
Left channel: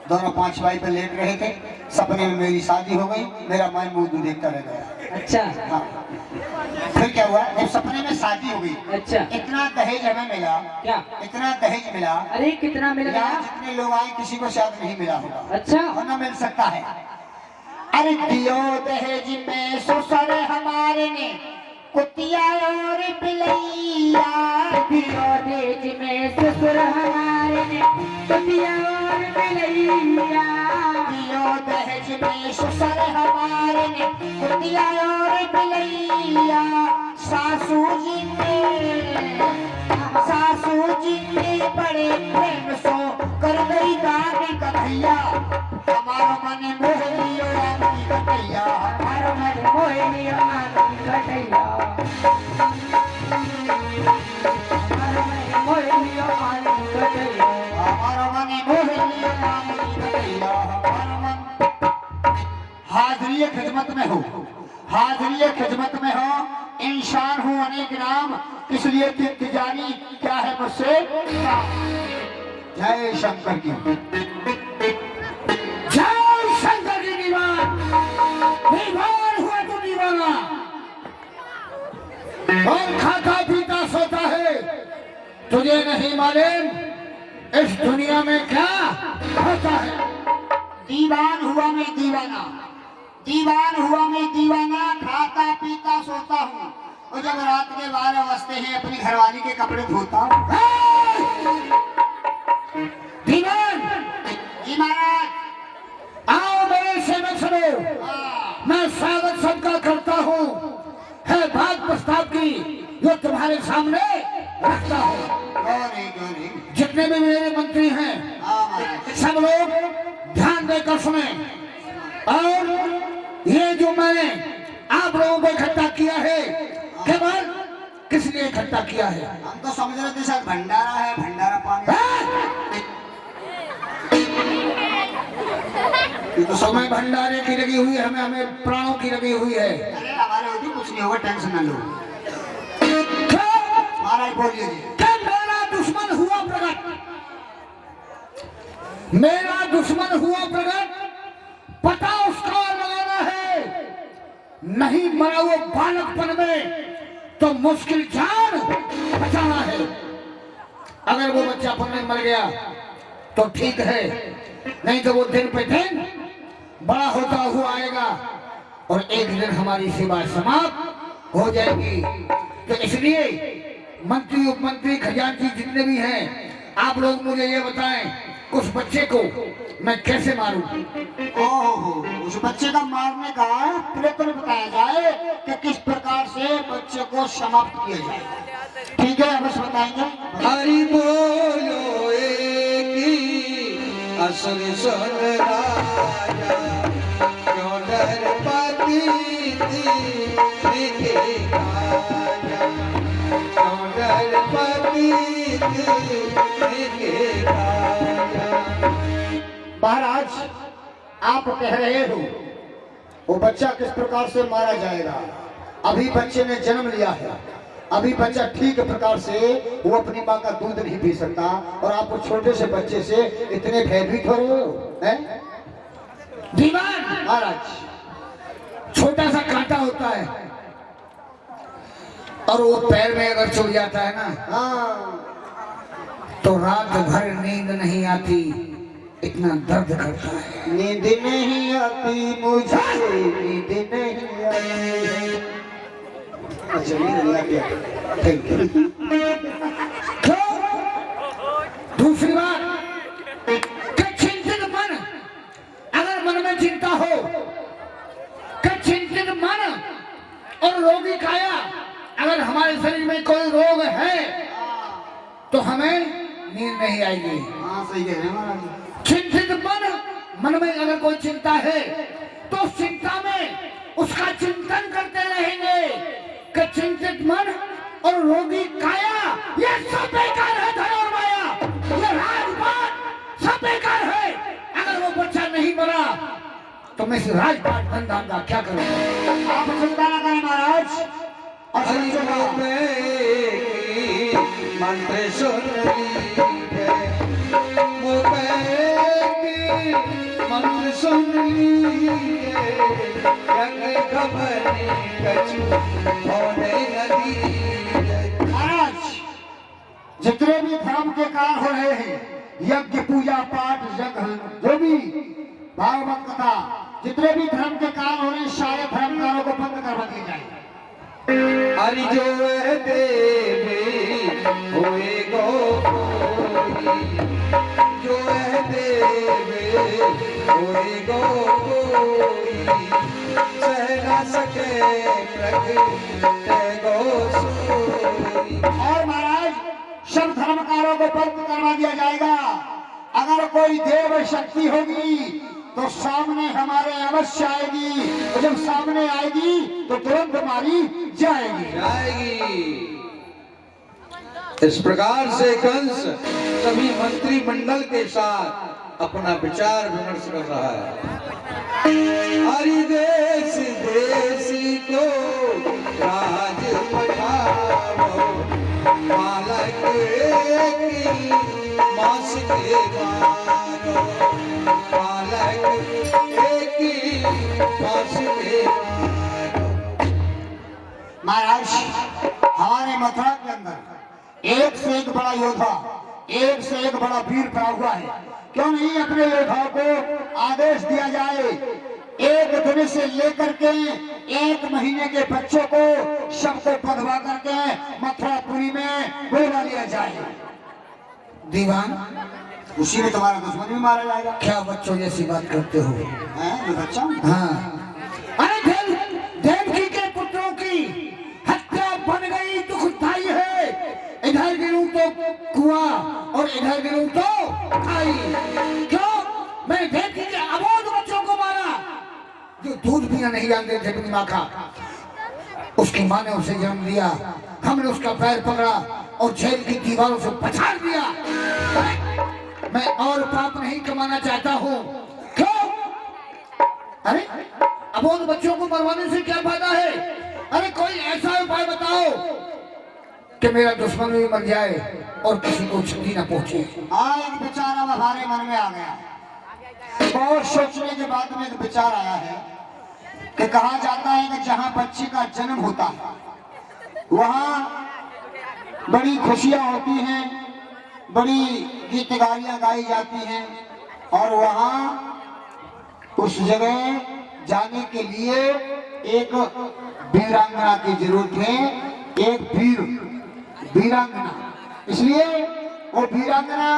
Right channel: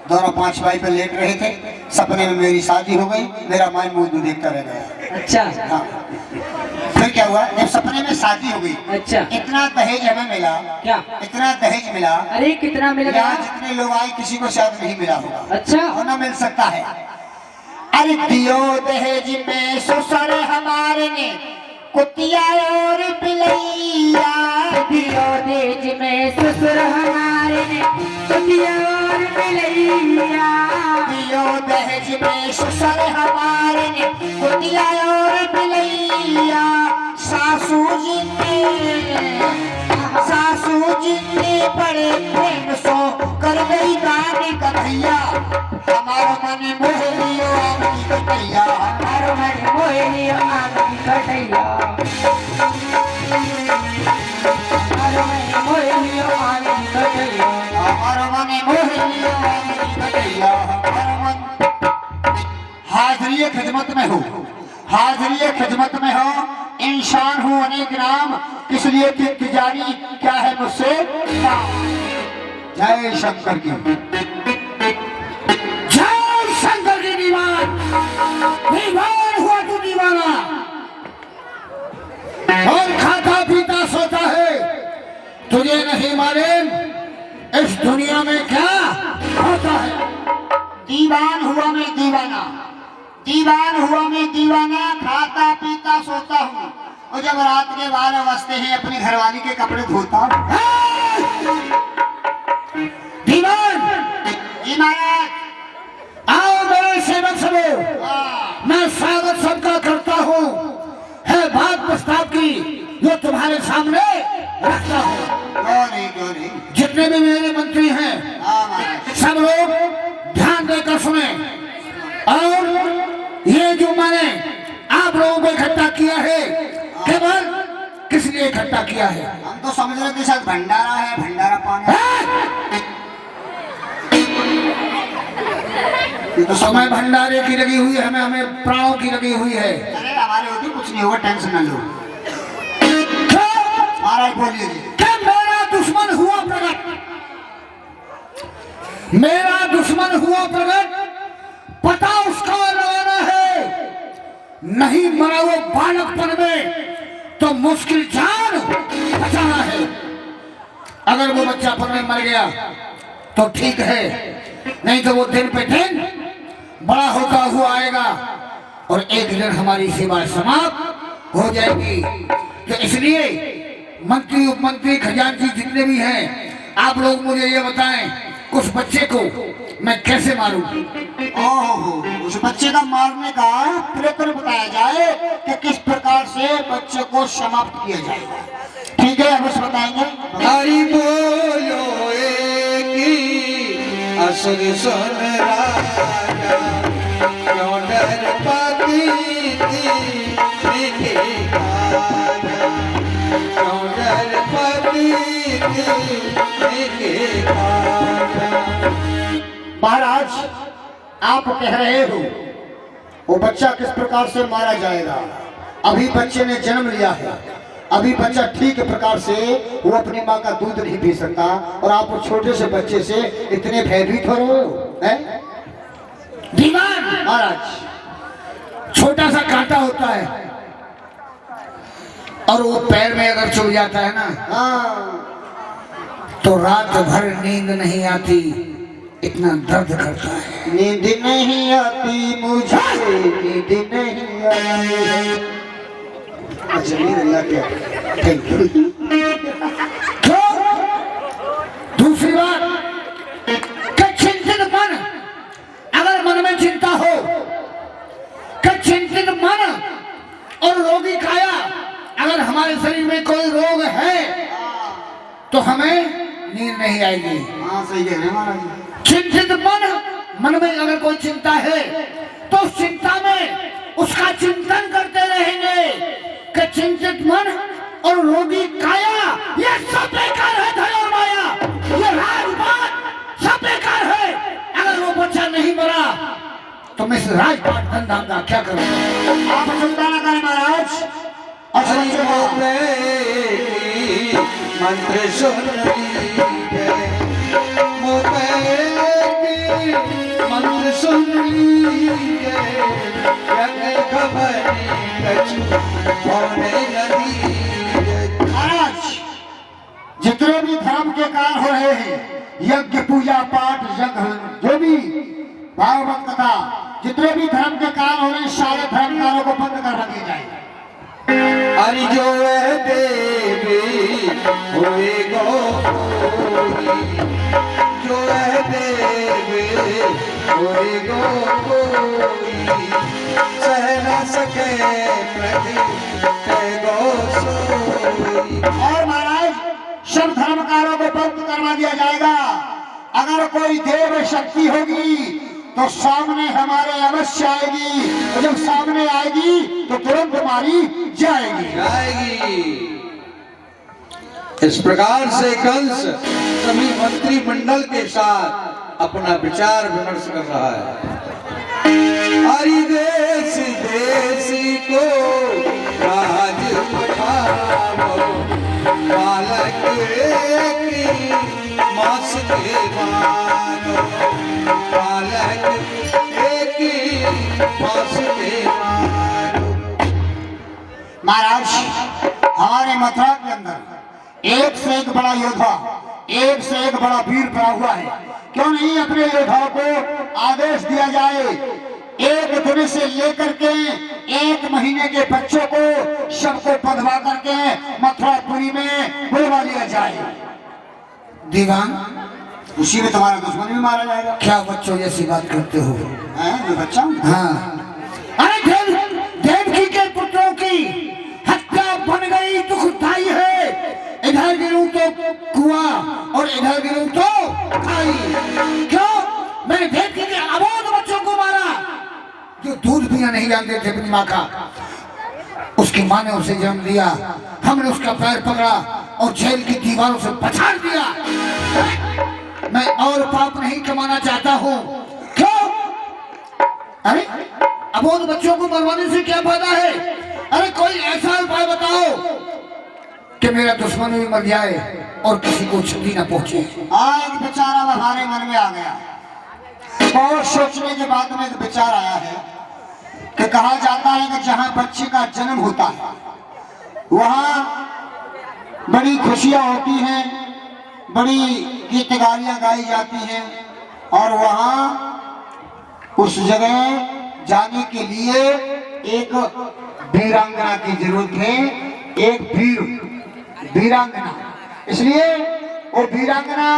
दोनों 5 भाई पर लेट रहे थे, सपने में मेरी शादी हो गई, मेरा माई मुंह देखता रह गया। अच्छा, हाँ। फिर क्या हुआ? जब सपने में शादी हो गई, अच्छा, इतना दहेज हमें मिला, क्या? इतना दहेज मिला, अरे कितना मिल गया? यहाँ जितने लोग आए किसी को शायद नहीं मिला होगा। अच्छा, होना मिल सकता है। अरे दियो दहेज में ससुर हमारे ने कुतिया और बिलैया, दियो दहेज में ससुर हमारे ने कुतिया और बिलैया, दियो दहेज में ससुर हमारे ने कुतिया और बिलैया, सासू जी ने बड़े प्रेम सो कर गई दादी कन्हैया, हमारा मन मोह लियो आम की कन्हैया, हमारा मन मोह लिया आम की कटैया, हमारा मन मोह लिया आम की कटैया, हमारा मन मोह लियो आम की कन्हैया, हमारा मन। हाजिरी खिदमत में हो, हाजिरी खिदमत में हो, इंसान हूँ अनेक नाम, इसलिए कि तिजारी क्या है मुझसे। जय शंकर की, जय शंकर की दीवान। दुनिया में क्या होता है। दीवान हुआ मैं दीवाना, दीवान हुआ मैं दीवाना, खाता पीता सोता हूँ, और जब रात के 12 बजते हैं अपनी घरवाली के कपड़े धोता हूँ। दीवान जी महाराज। आओ मेरे सेवक सबो, मैं स्वागत सबका करता हूँ। है बात प्रस्ताव की जो तुम्हारे सामने रखता हूँ। क्यों नहीं, क्यों नहीं। जितने भी मेरे मंत्री हैं हाँ महाराज। सब लोग ध्यान देकर सुने। और ये जो मैंने आप लोगों को इकट्ठा किया है, केवल किस लिए इकट्ठा किया है? हम तो समझ रहे थे शायद भंडारा है, भंडारा पानी। ये तो समय भंडारे की लगी हुई है, हमें हमें प्राणों की लगी हुई है। अरे हमारे होती कुछ नहीं होगा, टेंशन न लो। क्यों? महाराज बोलिए जी। क्या मेरा दुश्मन हुआ प्रकट, मेरा दुश्मन हुआ प्रकट, पता उसका लगाना है। नहीं मरा वो बालकपन में तो मुश्किल जान बचाना है। अगर वो बच्चापन में मर गया तो ठीक है, नहीं तो वो दिन पे दिन बड़ा होता हुआ आएगा और एक दिन हमारी सेवा समाप्त हो जाएगी। तो इसलिए मंत्री उपमंत्री खजांची जितने भी हैं, आप लोग मुझे ये बताएं, उस बच्चे को मैं कैसे मारूं? ओहो, उस बच्चे का मारने का प्रयत्न बताया जाए कि किस प्रकार से बच्चे को समाप्त किया जाएगा। ठीक है, अब बताएंगे। हरि बोलो एक ही असुर सुन राजा, क्यों डर पाती थी मीठी राजा, क्यों डर पाती थी मीठी राजा। महाराज, आप कह रहे हो वो बच्चा किस प्रकार से मारा जाएगा। अभी बच्चे ने जन्म लिया है, अभी बच्चा ठीक प्रकार से वो अपनी माँ का दूध नहीं पी सकता, और आप उस छोटे से बच्चे से इतने भयभीत हो रहे हो हैं? दीवान महाराज, छोटा सा कांटा होता है और वो पैर में अगर चुभ जाता है ना, हाँ, तो रात भर नींद नहीं आती, इतना दर्द करता है। नींद नहीं आती मुझे, नींद नहीं आती। अच्छा, नींद नहीं आती। Thank you. क्यों? दूसरी बात कि चिंतित मन, अगर मन में चिंता हो कि चिंतित मन और रोगी काया, अगर हमारे शरीर में कोई रोग है तो हमें नींद नहीं आएगी। हाँ, सही कह रहे हैं महाराज। चिंतित मन में अगर कोई चिंता है तो उस चिंता में उसका चिंतन करते रहेंगे कि चिंतित मन और रोगी काया ये सब बेकार है। धन और माया, ये राजपाट सब बेकार है। अगर वो बच्चा नहीं मरा तो मैं इस राजपाट धन धाम का क्या करूँ? आप चिंता न करें महाराज। और हरि सोचो, मंत्र सुन मंत्र सुन महाराज, जितने भी धर्म के कार्य हो रहे हैं, यज्ञ पूजा पाठ यज्ञ जो भी भागवत कथा, जितने भी धर्म के कार्य हो रहे हैं, सारे धर्मकारों को बंद करवा दिए जाएंगे। हरि जो है देवी होए गोरी, जो है देवी होए गोरी, सह न सके प्रति है गोसोरी। और महाराज, सब धर्मकारों को बंद करवा दिया जाएगा। अगर कोई देव शक्ति होगी तो सामने हमारे अवश्य आएगी, और जब सामने आएगी तो तुरंत मारी जाएगी। इस प्रकार से कंस सभी मंत्रिमंडल के साथ अपना विचार विमर्श कर रहा है। हरि देश देशी को राज पठाओ, बालक की मास के मानो, बालक की मास के मानो। महाराज, हमारे मथुरा के अंदर एक से एक बड़ा योद्धा एक से एक बड़ा वीर पड़ा हुआ है। क्यों नहीं अपने योद्धाओं को आदेश दिया जाए, एक दिन से लेकर के 1 महीने के बच्चों को सबको बंधवा करके मथुरापुरी में बुलवा लिया जाए। दीवान, उसी में तुम्हारा दुश्मन भी मारा जाएगा। क्या बच्चों जैसी बात करते हो? मैं बच्चा हूँ। हाँ, अरे देवकी के पुत्रों की हत्या बन गई, दुखदाई है। इधर गिरूं तो कुआं और इधर गिरूं तो खाई। क्यों? मैंने देवकी के अबोध बच्चों को मारा जो दूध पीना नहीं जानते थे अपनी माँ का। उसकी माँ ने उसे जन्म दिया, हमने उसका पैर पकड़ा और जेल की दीवारों से पछाड़ दिया। मैं और पाप नहीं कमाना चाहता हूँ। क्यों? अरे अबोध बच्चों को मरवाने से क्या फायदा है? अरे कोई ऐसा उपाय बताओ कि मेरा दुश्मन भी मर जाए और किसी को क्षति न पहुंचे। आज बेचारा हमारे मन में आ गया। बहुत सोचने के बाद में एक विचार आया है कि कहा जाता है कि जहाँ बच्चे का जन्म होता है वहाँ बड़ी खुशियाँ होती हैं, बड़ी गीत गालियाँ गाई जाती हैं, और वहाँ उस जगह जाने के लिए एक वीरांगना की जरूरत है, एक वीरांगना। इसलिए वो वीरांगना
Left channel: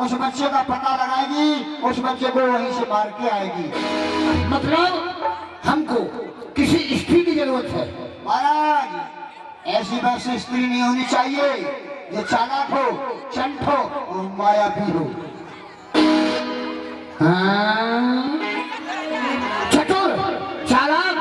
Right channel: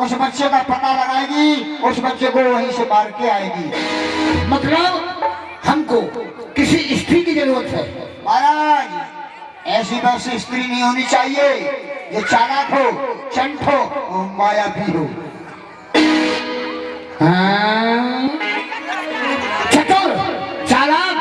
उस बच्चे का पता लगाएगी, उस बच्चे को वहीं से मार के आएगी। मतलब हमको किसी स्त्री की जरूरत है। महाराज, ऐसी बस स्त्री नहीं होनी चाहिए ये चालाक हो, चंट हो और मायावी हो। हाँ? चतुर, चालाक।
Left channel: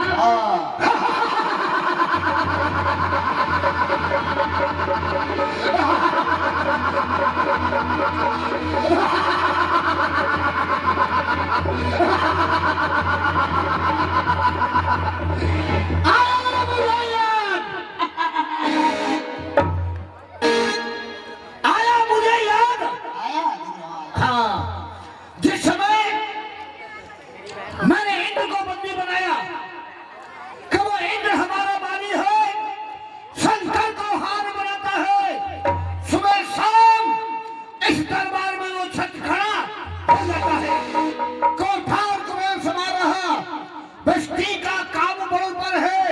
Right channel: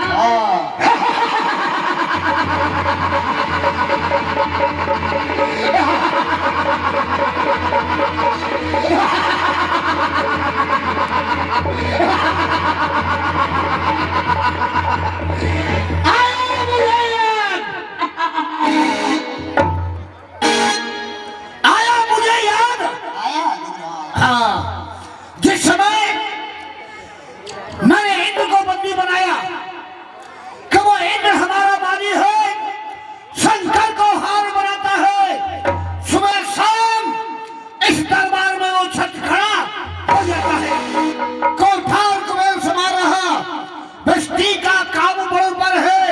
जिस समय मैंने इंद्र को बंदी बनाया कि वो इंद्र हमारा माली है, शंकर को हार बनाता है, सुबह शाम इस दरबार में वो छत खड़ा हो जाता है। कोठार कुबेर समा रहा, बस्ती का काम बरोबर है,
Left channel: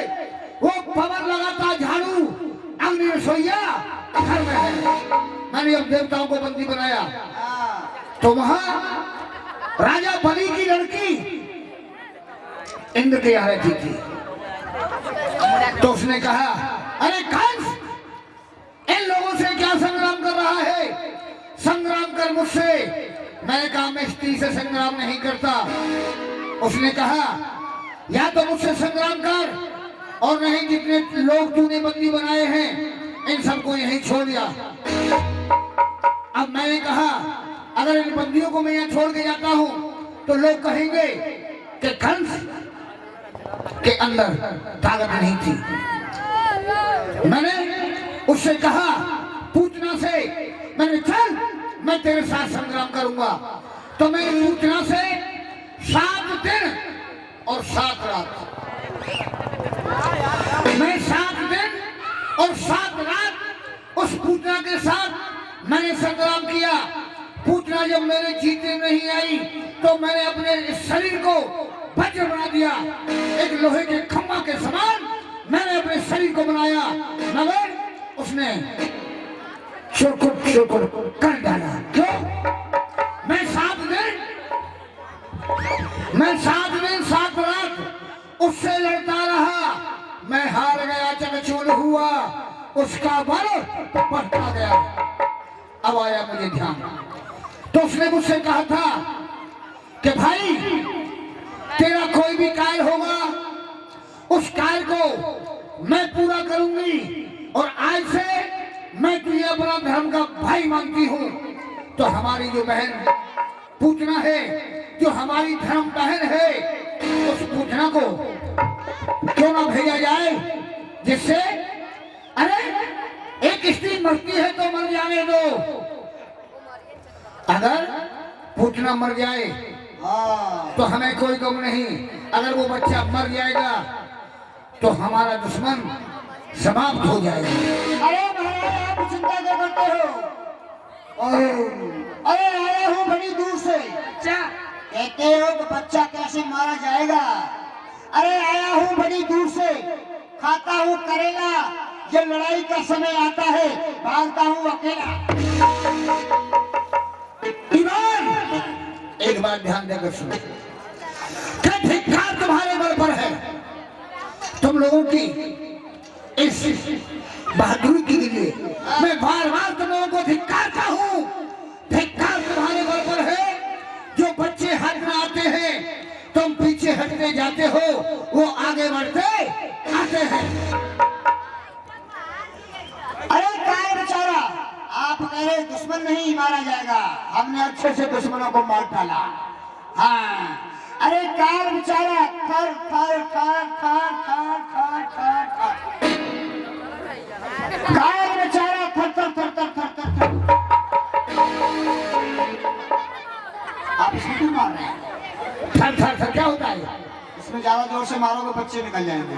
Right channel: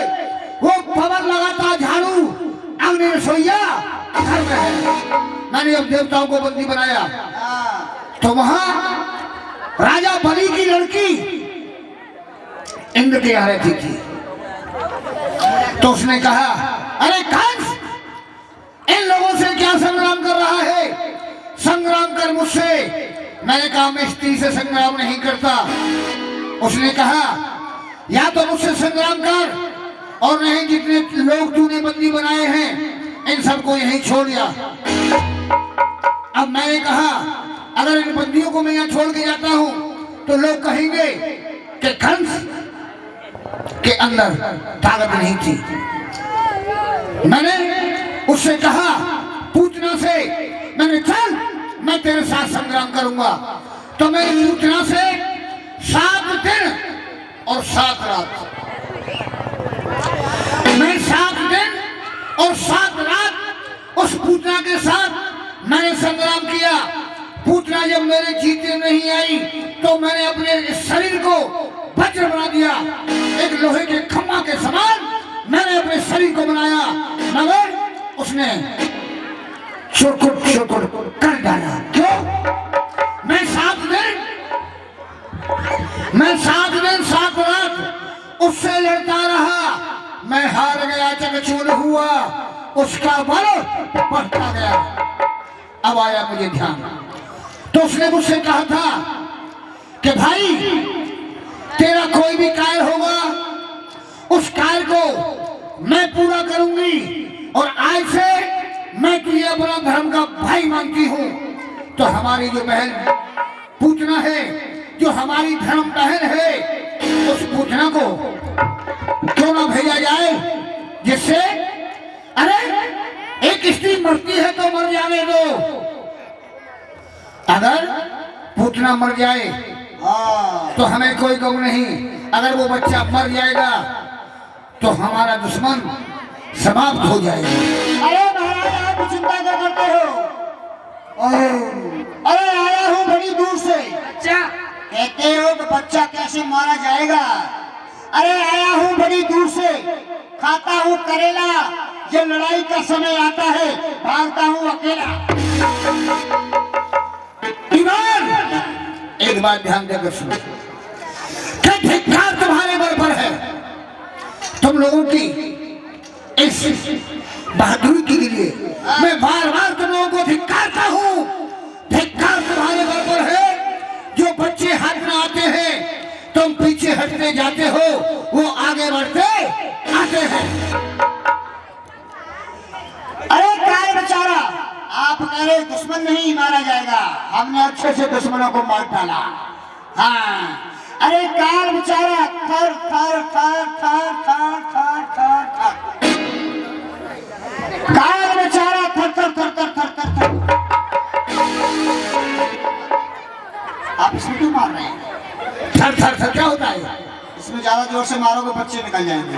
वो पवन लगाता झाड़ू, अग्नि रसोईया घर में है। मैंने अब देवताओं को बंदी बनाया तो वहां राजा बलि की लड़की इंद्र के यहाँ रहती थी। तो उसने कहा, अरे कंस, इन लोगों से क्या संग्राम कर रहा है? संग्राम कर मुझसे। मैंने कहा, मैं स्त्री से संग्राम नहीं करता। उसने कहा, या तो मुझसे संग्राम कर और नहीं जितने लोग तूने बंदी बनाए हैं इन सबको यहीं छोड़ दिया। अब मैंने कहा, अगर इन बंदियों को मैं यहाँ छोड़ के जाता हूँ तो लोग कहेंगे कि कंस के अंदर ताकत नहीं थी। मैंने उससे कहा, पूतना से, मैंने चल मैं तेरे साथ संग्राम करूंगा। तो मैंने पूतना से 7 दिन और 7 रात, मैं 7 दिन और 7 रात उस पूतना के साथ मैंने संग्राम किया। पूतना जब मेरे जीते नहीं आई तो मैंने अपने शरीर को वज्र बना दिया, एक लोहे के खम्मा के समान मैंने अपने शरीर को बनाया, मगर उसने चुरकुट कर डाला। क्यों? मैं 7 दिन 7 रात उससे लड़ता रहा, मैं हार गया, चकचूर हुआ, उसका बल बढ़ता गया। अब आया मुझे ध्यान, तो उसने मुझसे कहा था कि भाई, तेरा कोई भी कार्य होगा उस कार्य को मैं पूरा करूंगी, और आज से मैं तुझे अपना धर्म का भाई मानती हूँ। तो हमारी जो बहन पूतना है, जो हमारी धर्म बहन है, उस पूतना को क्यों ना भेजा जाए, जिससे, अरे एक स्त्री मरती है तो मर जाने दो, अगर पूतना मर जाए तो हमें कोई गम नहीं, अगर वो बच्चा मर जाएगा तो हमारा दुश्मन समाप्त हो जाएगा। अरे महाराज, आप चिंता क्या करते हो? अरे आया हूँ बड़ी दूर से। अच्छा, कहते हो कि बच्चा कैसे मारा जाएगा? अरे आया हूँ बड़ी दूर से, खाता हूँ करेला, ये लड़ाई का समय आता है भागता हूँ अकेला। ईमान, एक बात ध्यान देकर सुनो, क्या धिक्कार तुम्हारे बल पर है? तुम लोगों की इस बहादुरी के लिए मैं बार बार तुम लोगों को धिक्कारता हूँ। धिक्कार तुम्हारे बल पर है। जो बच्चे हाथ में आते हैं तुम पीछे हटते जाते हो, वो आगे बढ़ते आते हैं। अरे काय बेचारा, आप कह रहे दुश्मन नहीं मारा जाएगा, हमने अच्छे से दुश्मनों को मार डाला। हाँ, अरे कार बेचारा थर थर थर थर थर थर थर थर, कार बेचारा थर थर थर थर थर थर थर। आप इसमें क्यों मार रहे हैं? थर थर थर क्या होता है? इसमें ज्यादा जोर से मारोगे बच्चे निकल जाएंगे।